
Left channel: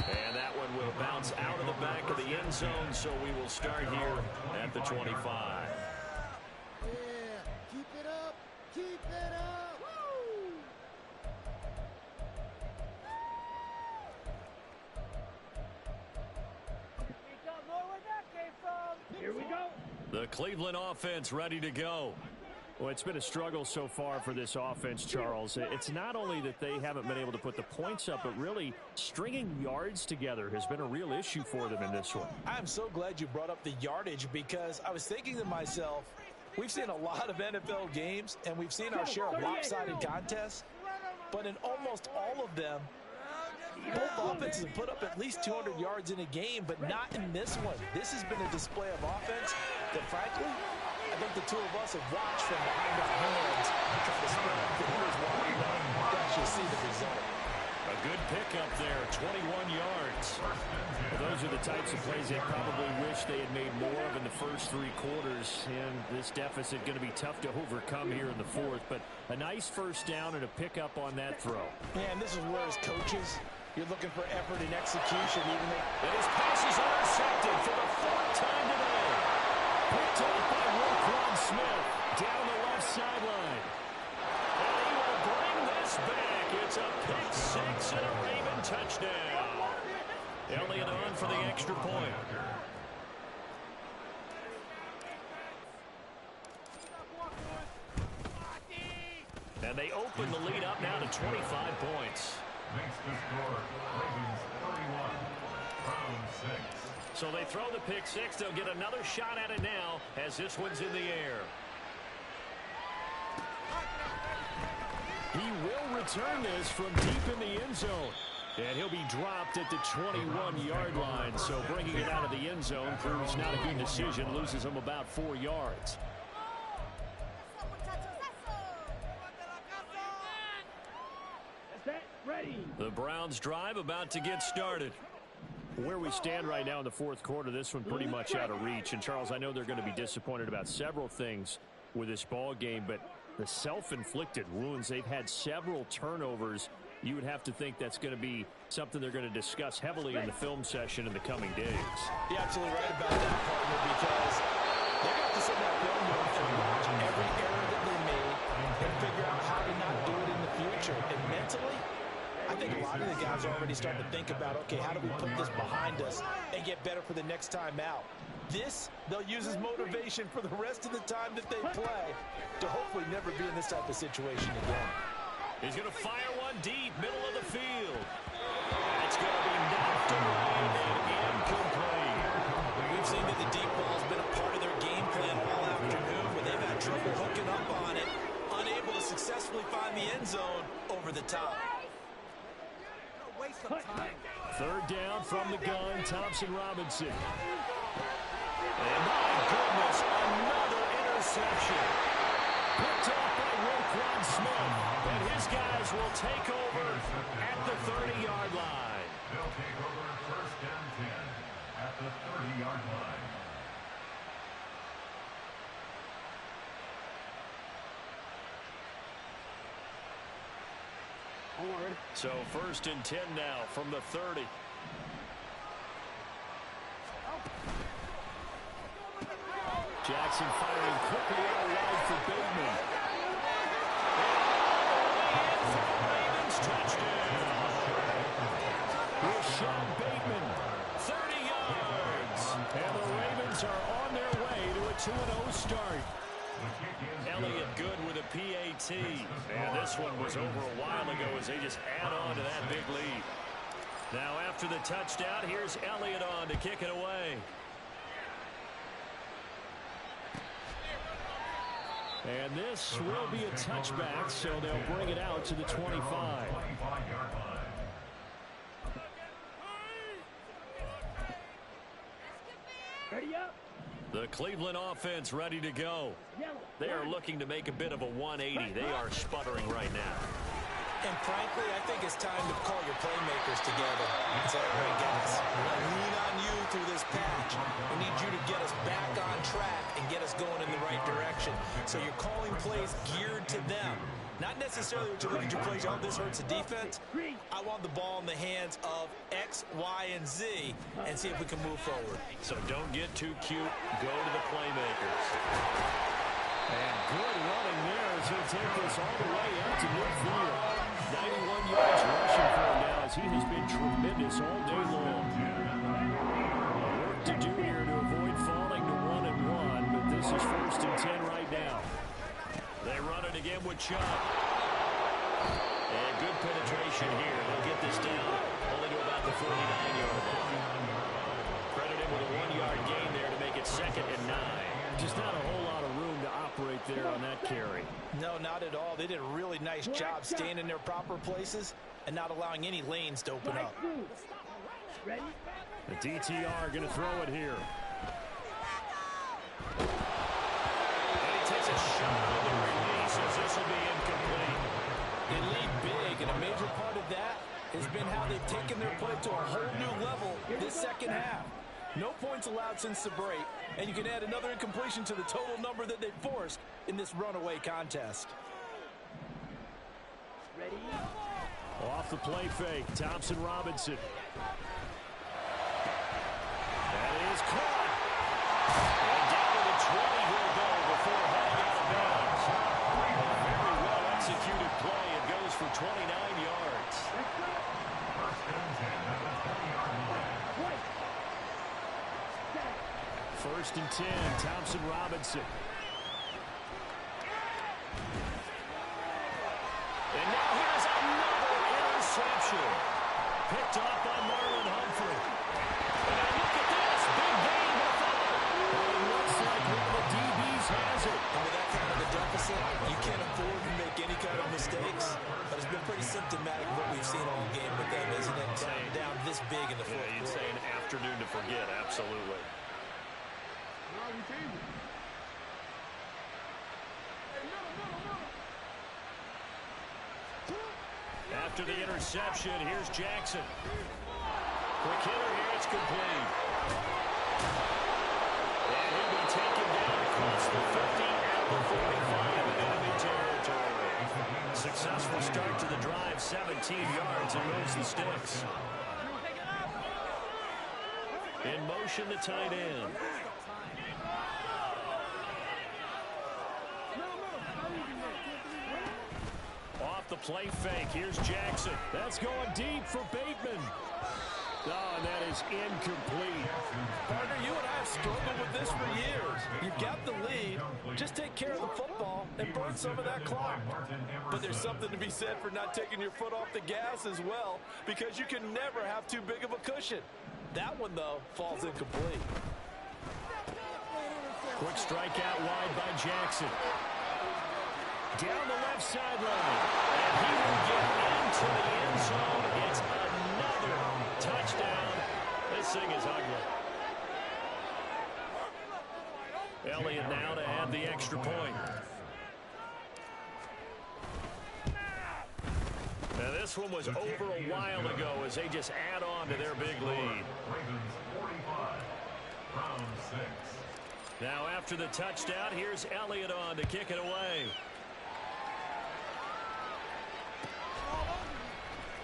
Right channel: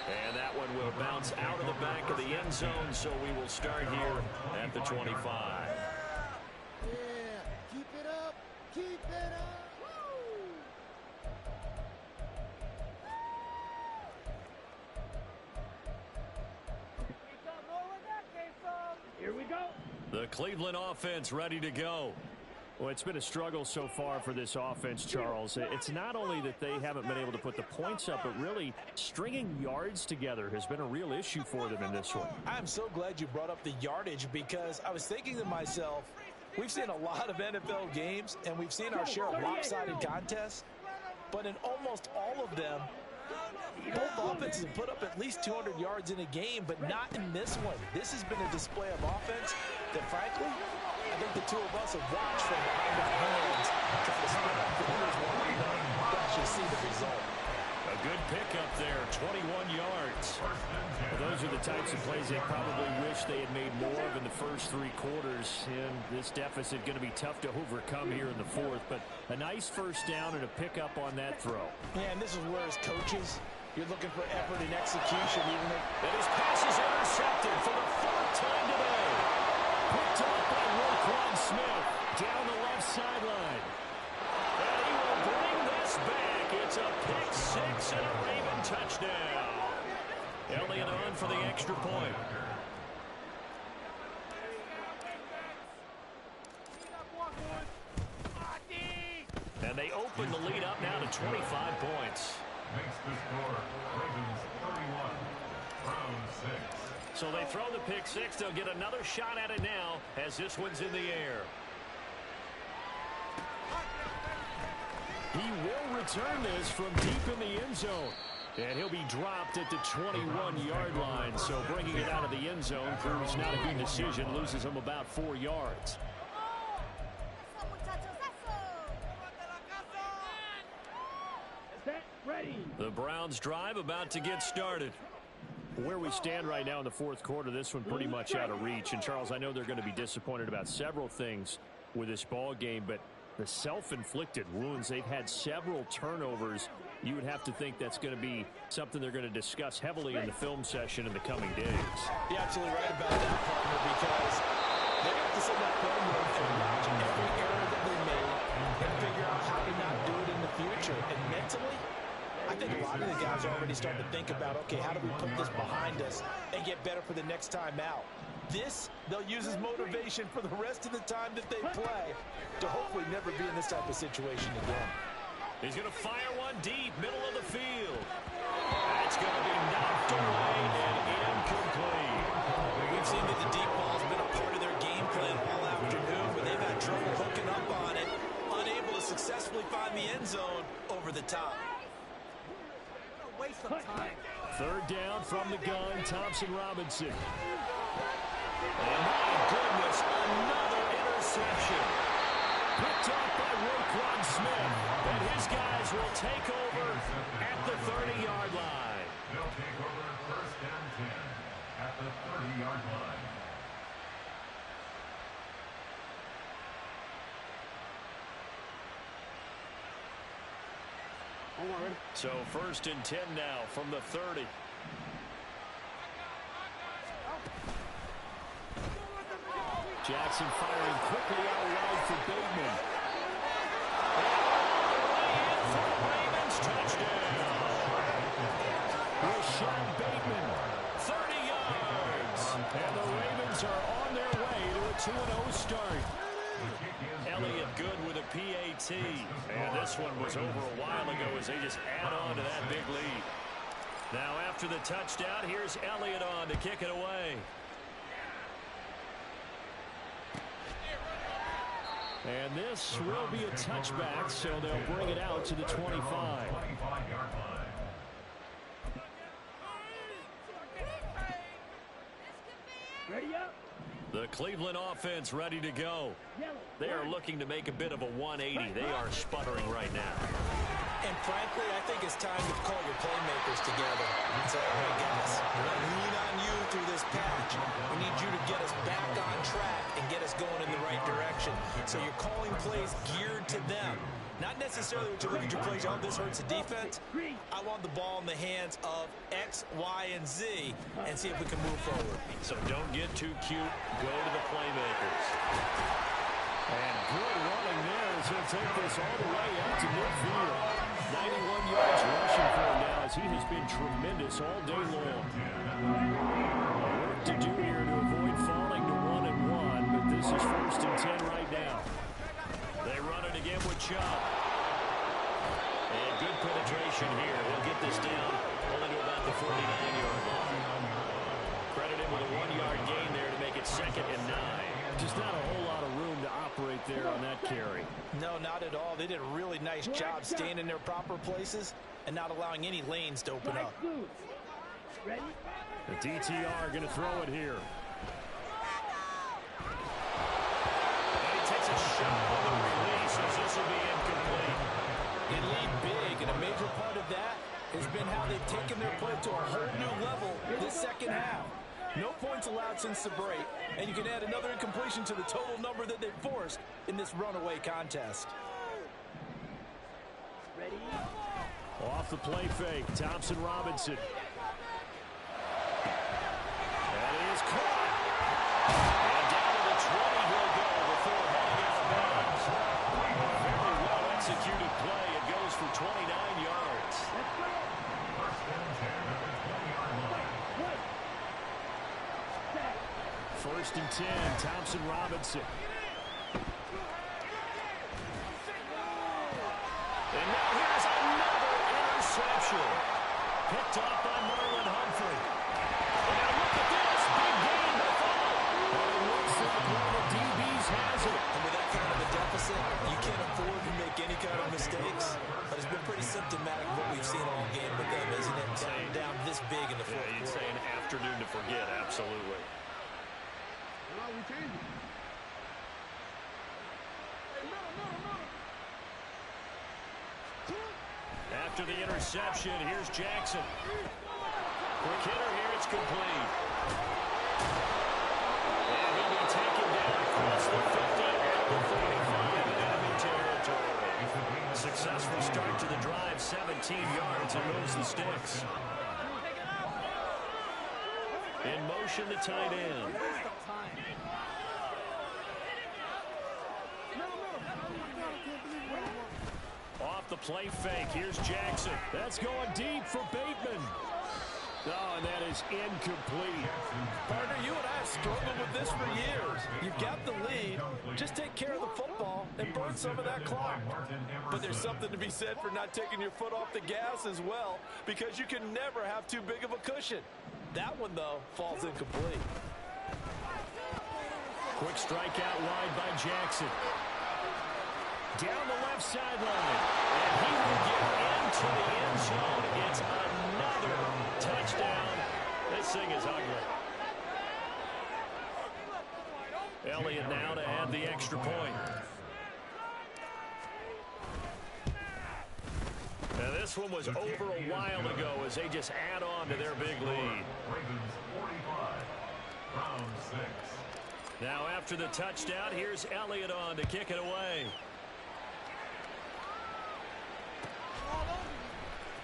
And that one will bounce out of the back of the end zone, so we will start here at the 25. Yeah, keep it up. Keep it up. Woo! We got more where that came from. Here we go. The Cleveland offense ready to go. Well, it's been a struggle so far for this offense, Charles. It's not only that they haven't been able to put the points up, but really stringing yards together has been a real issue for them in this one. I'm so glad you brought up the yardage, because I was thinking to myself, we've seen a lot of NFL games, and we've seen our share of lopsided contests, but in almost all of them, both offenses have put up at least 200 yards in a game, but not in this one. This has been a display of offense that, frankly, I think the two of us have watched from behind our hands, trying to spin up the hitters while we actually see the result. A good pickup there, 21 yards. Well, those are the types of plays they probably wish they had made more of in the first 3 quarters. And this deficit going to be tough to overcome here in the fourth. But a nice first down and a pickup on that throw. Yeah, and this is where, as coaches, you're looking for effort and execution. Even though and his pass is intercepted for the 4th time today. Picked off by Roquan Smith down the left sideline. And he will bring this back. It's a pick 6 and a Raven touchdown. Elliott on for the extra point. And they open the lead up now to 25 points. Makes the score Ravens 31, Browns 6. So they throw the pick 6. They'll get another shot at it now as this one's in the air. He will return this from deep in the end zone. And he'll be dropped at the 21-yard line. So bringing it out of the end zone proves not a good decision. Loses him about 4 yards. Set, ready. The Browns drive about to get started. Where we stand right now in the fourth quarter, this one pretty much out of reach. And, Charles, I know they're going to be disappointed about several things with this ball game, but the self-inflicted wounds, they've had several turnovers. You would have to think that's going to be something they're going to discuss heavily in the film session in the coming days. You're absolutely right about that, partner, because they're going to have to sit in that film room and watch every error that they made and figure out how to not do it in the future. And mentally, I think a lot of the guys are already starting to think about, okay, how do we put this behind us and get better for the next time out? This, they'll use as motivation for the rest of the time that they play to hopefully never be in this type of situation again. He's going to fire one deep, middle of the field. That's going to be knocked away and incomplete. We've seen that the deep ball's been a part of their game plan all afternoon, but they've had trouble hooking up on it, unable to successfully find the end zone over the top. Waste of time. 3rd down from the gun, Thompson-Robinson. And my goodness, another interception. Picked off by Roquan Smith. And his guys will take over at the 30-yard line. They'll take over 1st and 10 at the 30-yard line. So 1st and 10 now from the 30. Jackson firing quickly out wide for Bateman. And all the way in for the Ravens touchdown. Rashad Bateman, 30 yards. And the Ravens are on their way to a 2-0 start. Elliott good with a PAT. And this one was over a while ago as they just add on to that big lead. Now after the touchdown, here's Elliott on to kick it away. And this will be a touchback, so they'll bring it out to the 25. 25-yard line. Ready up. The Cleveland offense ready to go. They are looking to make a bit of a 180. They are sputtering right now. And frankly, I think it's time to call your playmakers together and say, all right, guys, we're going to lean on you through this patch. We need you to get us back on track and get us going in the right direction. So you're calling plays geared to them. Not necessarily what you look at your plays, oh, this hurts the defense. I want the ball in the hands of X, Y, and Z and see if we can move forward. So don't get too cute. Go to the playmakers. And good running there as he'll take this all the way out to midfield. 91 yards rushing for him now as he has been tremendous all day long. Work to do here to avoid falling to 1-1, but this is 1st and 10 right now. They run it again with Chubb. And good penetration here. He'll get this down only to about the 49-yard line. Credit him with a 1-yard gain there to make it 2nd and 9. Just not a whole lot of room to operate there on that carry. No, not at all. They did a really nice job staying in their proper places and not allowing any lanes to open up. The DTR going to throw it here. And he takes a shot on the release as this will be incomplete. They lead big, and a major part of that has been how they've taken their play to a whole new level this second half. No points allowed since the break, and you can add another incompletion to the total number that they forced in this runaway contest. Ready? Off the play fake, Thompson Robinson. That is caught. And down to the 20 he'll go before heading out of bounds. Very well executed play. It goes for 29 yards. Let's go. 1st and 10 at the 20-yard line. White. Set. 1st and 10, Thompson Robinson. And now here's another interception. Picked off by Marlon Humphrey. And now look at this. Big gain, but a fumble. But it looks like one of the DBs has it. And with that kind of a deficit, you can't afford to make any kind of mistakes. But it's been pretty symptomatic of what we've seen all game with them, isn't it? Down this big in the fourth quarter. You'd say an afternoon to forget, absolutely. No, we changed it. Hey, middle. After the interception, here's Jackson. Quick hitter here, it's complete. And he'll be taken down across the 50 and the 45 in enemy territory. Successful start to the drive, 17 yards, and moves the sticks. In motion, the tight end. Off the play fake, here's Jackson. That's going deep for Bateman. Oh, and that is incomplete. Partner, you and I have struggled with this for years. You've got the lead. Just take care of the football and burn some of that clock. But there's something to be said for not taking your foot off the gas as well, because you can never have too big of a cushion. That one, though, falls incomplete. Quick strike out wide by Jackson. Down the left sideline. And he will get into the end zone. It's another touchdown. This thing is ugly. Elliott now to add the extra point. Now this one was over a while ago as they just add on to their big lead. Ravens 45, round 6. Now after the touchdown, here's Elliott on to kick it away.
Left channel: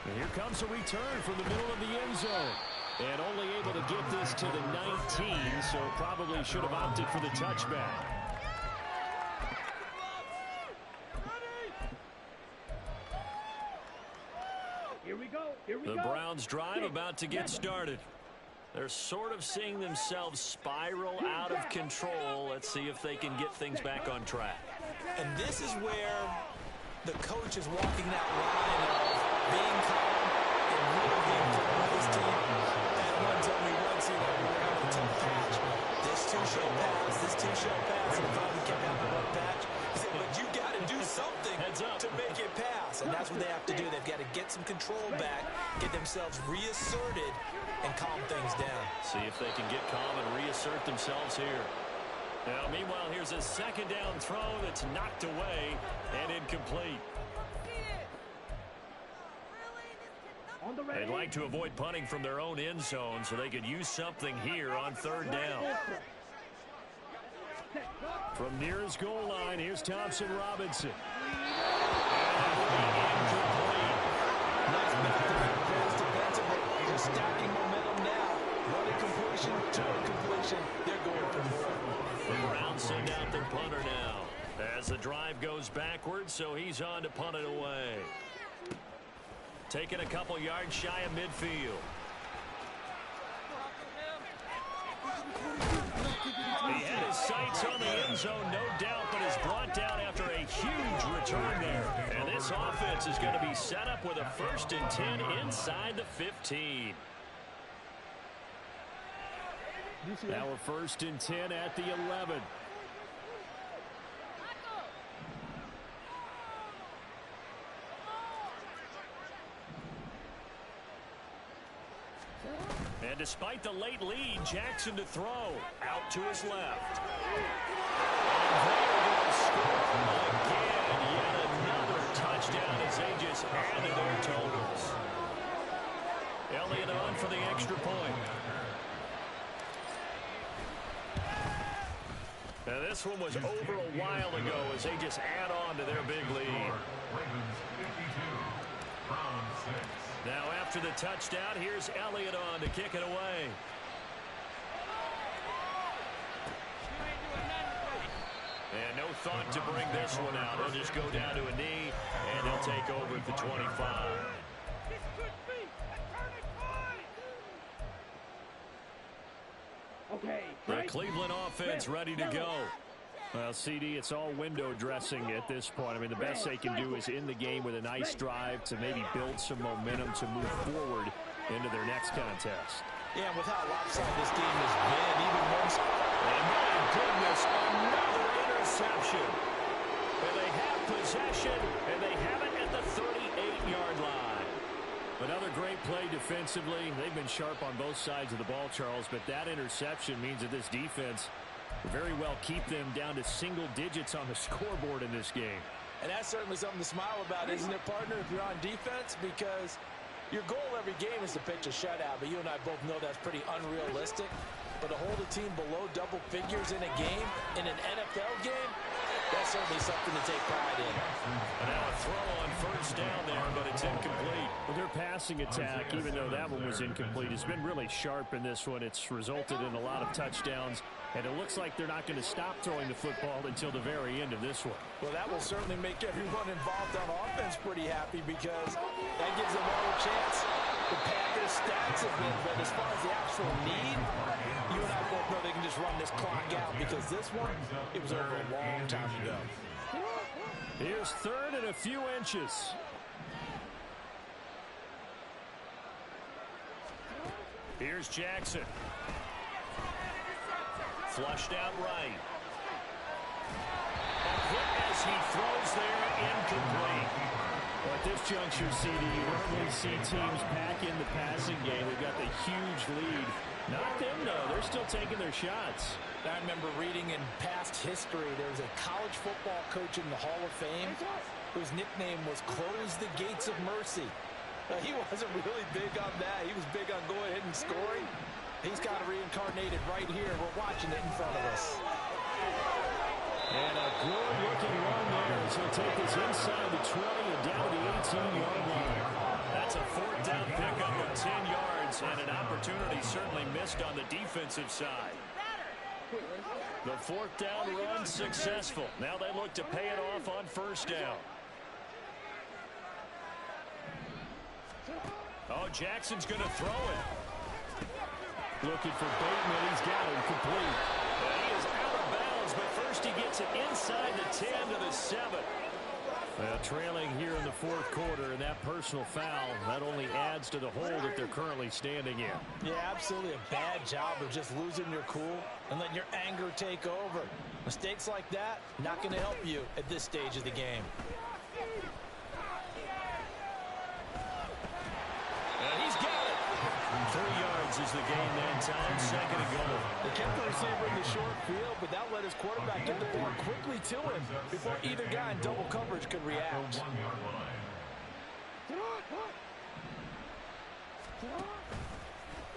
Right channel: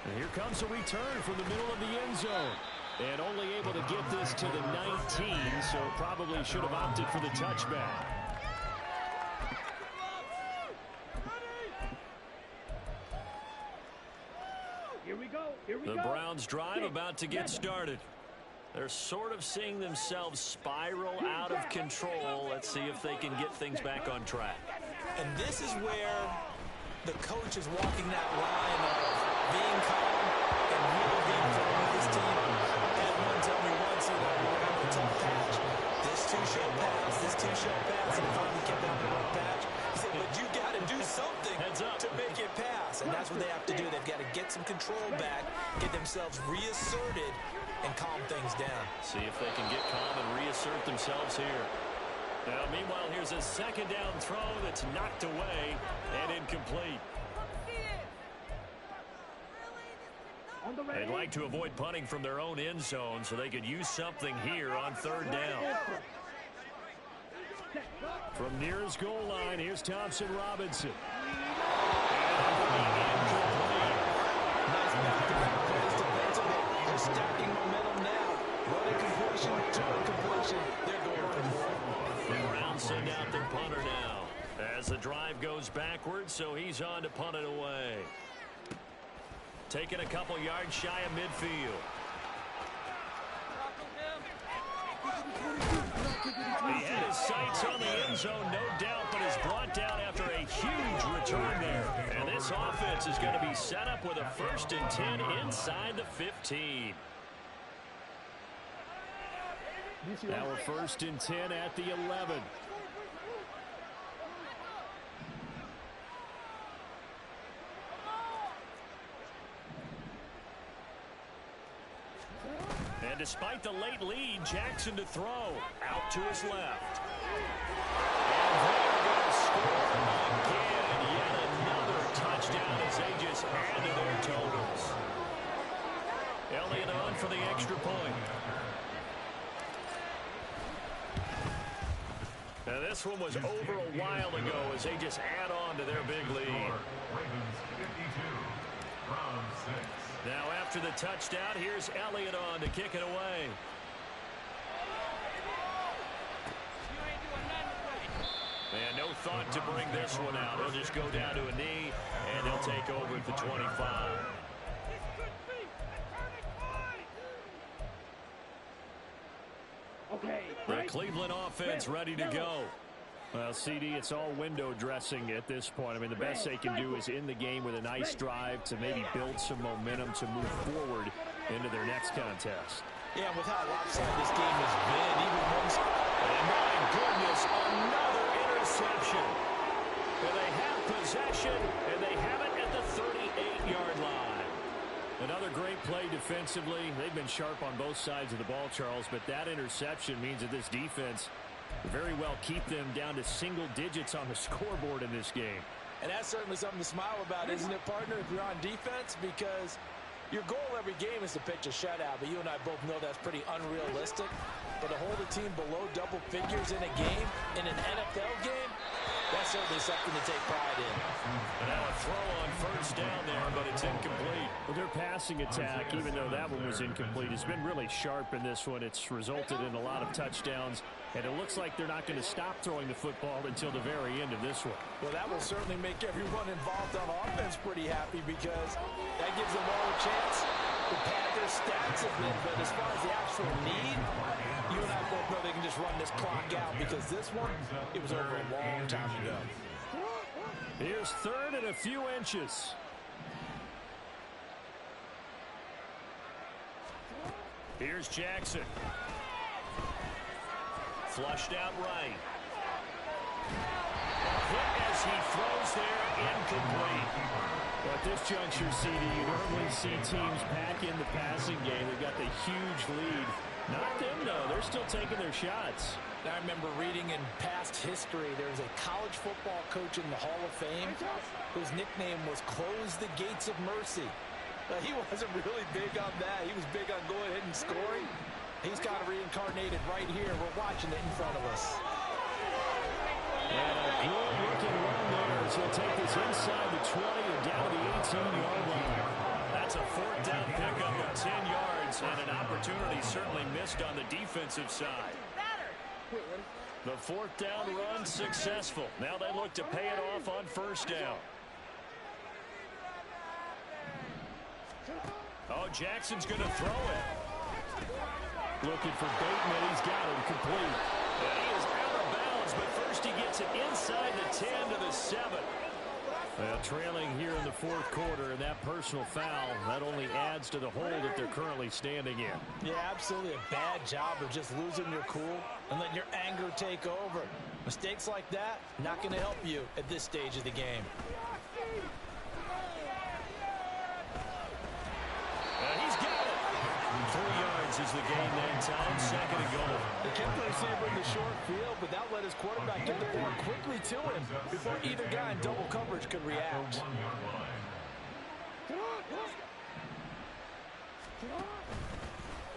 And here comes a return from the middle of the end zone. And only able to get this to the 19, so probably should have opted for the touchback. Here we go. The Browns drive about to get started. They're sort of seeing themselves spiral out of control. Let's see if they can get things back on track. And this is where the coach is walking that line of being calm and really being firm with his team. Had one tell me once, you know, we're having a tough patch. This too shall pass, this too shall pass. And he finally kept out the rough patch. He said, but you got to do something to make it pass. And that's what they have to do. They've got to get some control back, get themselves reasserted, and calm things down. See if they can get calm and reassert themselves here. Now, meanwhile, here's a second down throw that's knocked away and incomplete. They'd like to avoid punting from their own end zone so they could use something here on third down. From near his goal line, here's Thompson Robinson. And that will be incomplete. Nice back-to-back plays defensively. They're stacking momentum now. Running completion to completion. They're going for more. The Browns send out their punter now as the drive goes backwards, so he's on to punt it away. Taking a couple yards shy of midfield. He had his sights on the end zone, no doubt, but is brought down after a huge return there. And this offense is going to be set up with a 1st and 10 inside the 15. Now a 1st and 10 at the 11. And despite the late lead, Jackson to throw. Out to his left. And they're going to score again. Yet another touchdown as they just added their totals. Elliott on for the extra point. Now this one was over a while ago as they just add on to their big lead. Ravens 52, Browns 6. Now after the touchdown, here's Elliott on to kick it away. And no thought to bring this one out. He'll just go down to a knee, and he'll take over at the 25. The Cleveland offense ready to go. Well, CD, it's all window dressing at this point. I mean, the best they can do is in the game with a nice drive to maybe build some momentum to move forward into their next contest. Yeah, with how lopsided this game has been, even once. And my goodness, another interception. And they have possession, and they have it at the 38-yard line. Another great play defensively. They've been sharp on both sides of the ball, Charles, but that interception means that this defense very well keep them down to single digits on the scoreboard in this game. And that's certainly something to smile about, isn't it, partner, if you're on defense? Because your goal every game is to pitch a shutout, but you and I both know that's pretty unrealistic. But to hold a team below double figures in a game, in an NFL game, that's certainly something to take pride in. And now a throw on first down there, but it's incomplete. Well, their passing attack, even though that one was incomplete, has been really sharp in this one. It's resulted in a lot of touchdowns, and it looks like they're not going to stop throwing the football until the very end of this one. Well, that will certainly make everyone involved on offense pretty happy because that gives them all a chance to pad their stats a bit. But as far as the actual need, you and I both know they can just run this clock out because this one, it was over a long time ago. Here's 3rd and a few inches. Here's Jackson. Flushed out right. A hit as he throws there, incomplete. Well, at this juncture, CD, you normally see teams pack in the passing game. They've got the huge lead. Not them, though. They're still taking their shots. I remember reading in past history, there was a college football coach in the Hall of Fame whose nickname was Close the Gates of Mercy. He wasn't really big on that. He was big on going ahead and scoring. He's got it reincarnated right here. We're watching it in front of us. And a good-looking run there as he'll take this inside the 20 and down to the 18-yard line. That's a 4th down pickup of 10 yards, and an opportunity certainly missed on the defensive side. The 4th down run successful. Now they look to pay it off on 1st down. Oh, Jackson's going to throw it. Looking for Bateman. He's got him complete. And he is out of bounds, but first he gets it inside the 10 to the 7. Trailing here in the 4th quarter, and that personal foul, that only adds to the hole that they're currently standing in. Yeah, absolutely a bad job of just losing your cool and letting your anger take over. Mistakes like that, not going to help you at this stage of the game. He's got it. 3 yards is the gain that time. 2nd and goal. They kept the receiver in the short field, but that let his quarterback get the ball quickly to him before either guy in double coverage could react.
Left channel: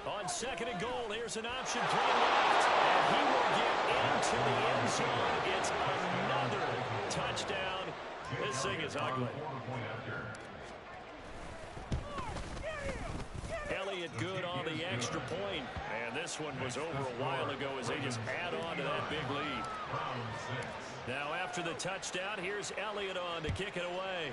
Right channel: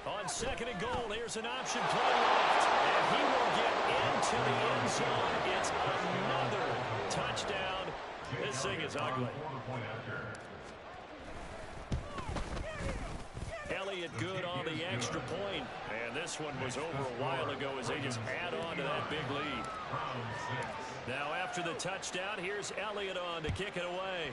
On second and goal, here's an option play left. And he will get into the end zone. It's another touchdown. This thing is ugly. Elliott good on the extra point. And this one was over a while ago as they just add on to that big lead. Now after the touchdown, here's Elliott on to kick it away.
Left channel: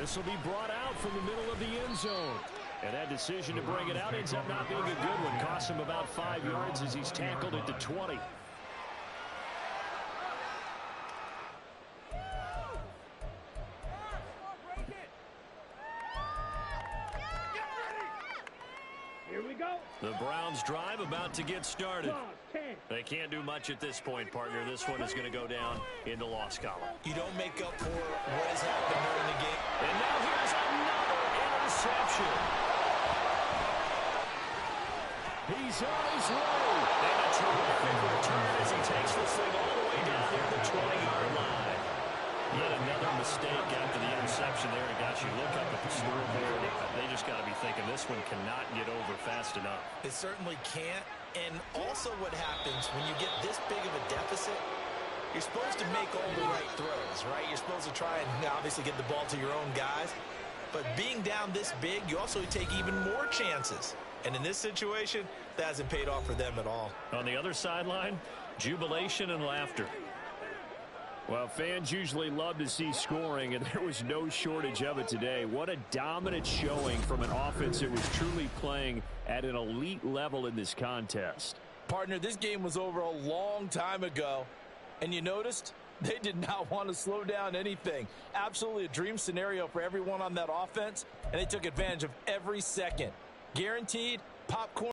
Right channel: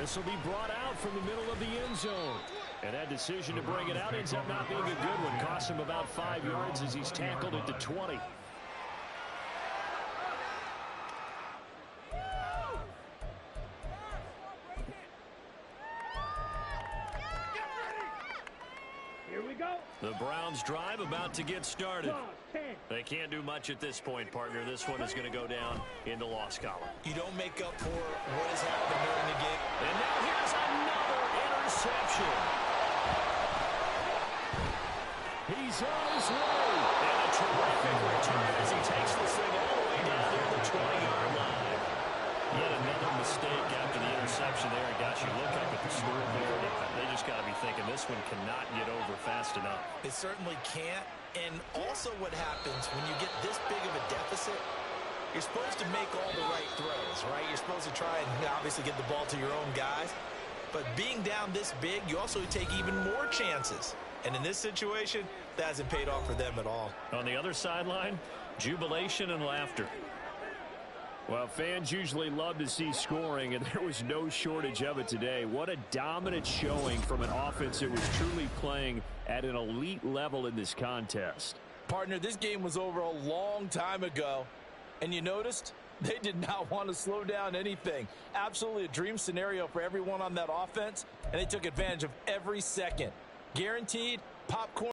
This will be brought out from the middle of the end zone. And that decision to bring it out ends up not being a good one. Cost him about 5 yards as he's tackled at the 20. Here we go. The Browns drive about to get started. They can't do much at this point, partner. This one is going to go down in the loss column. You don't make up for what has happened during the game. And now here's another interception. He's on his way. And a terrific return as he takes this thing all the way down near the 20-yard line. Yet another mistake after the interception there. And gosh, you look up at the scoreboard, they just got to be thinking this one cannot get over fast enough. It certainly can't. And also what happens when you get this big of a deficit, you're supposed to make all the right throws, right? You're supposed to try and obviously get the ball to your own guys. But being down this big, you also take even more chances. And in this situation, that hasn't paid off for them at all. On the other sideline, jubilation and laughter. Well, fans usually love to see scoring, and there was no shortage of it today. What a dominant showing from an offense that was truly playing at an elite level in this contest. Partner, this game was over a long time ago, and you noticed they did not want to slow down anything. Absolutely a dream scenario for everyone on that offense, and they took advantage of every second. Guaranteed popcorn.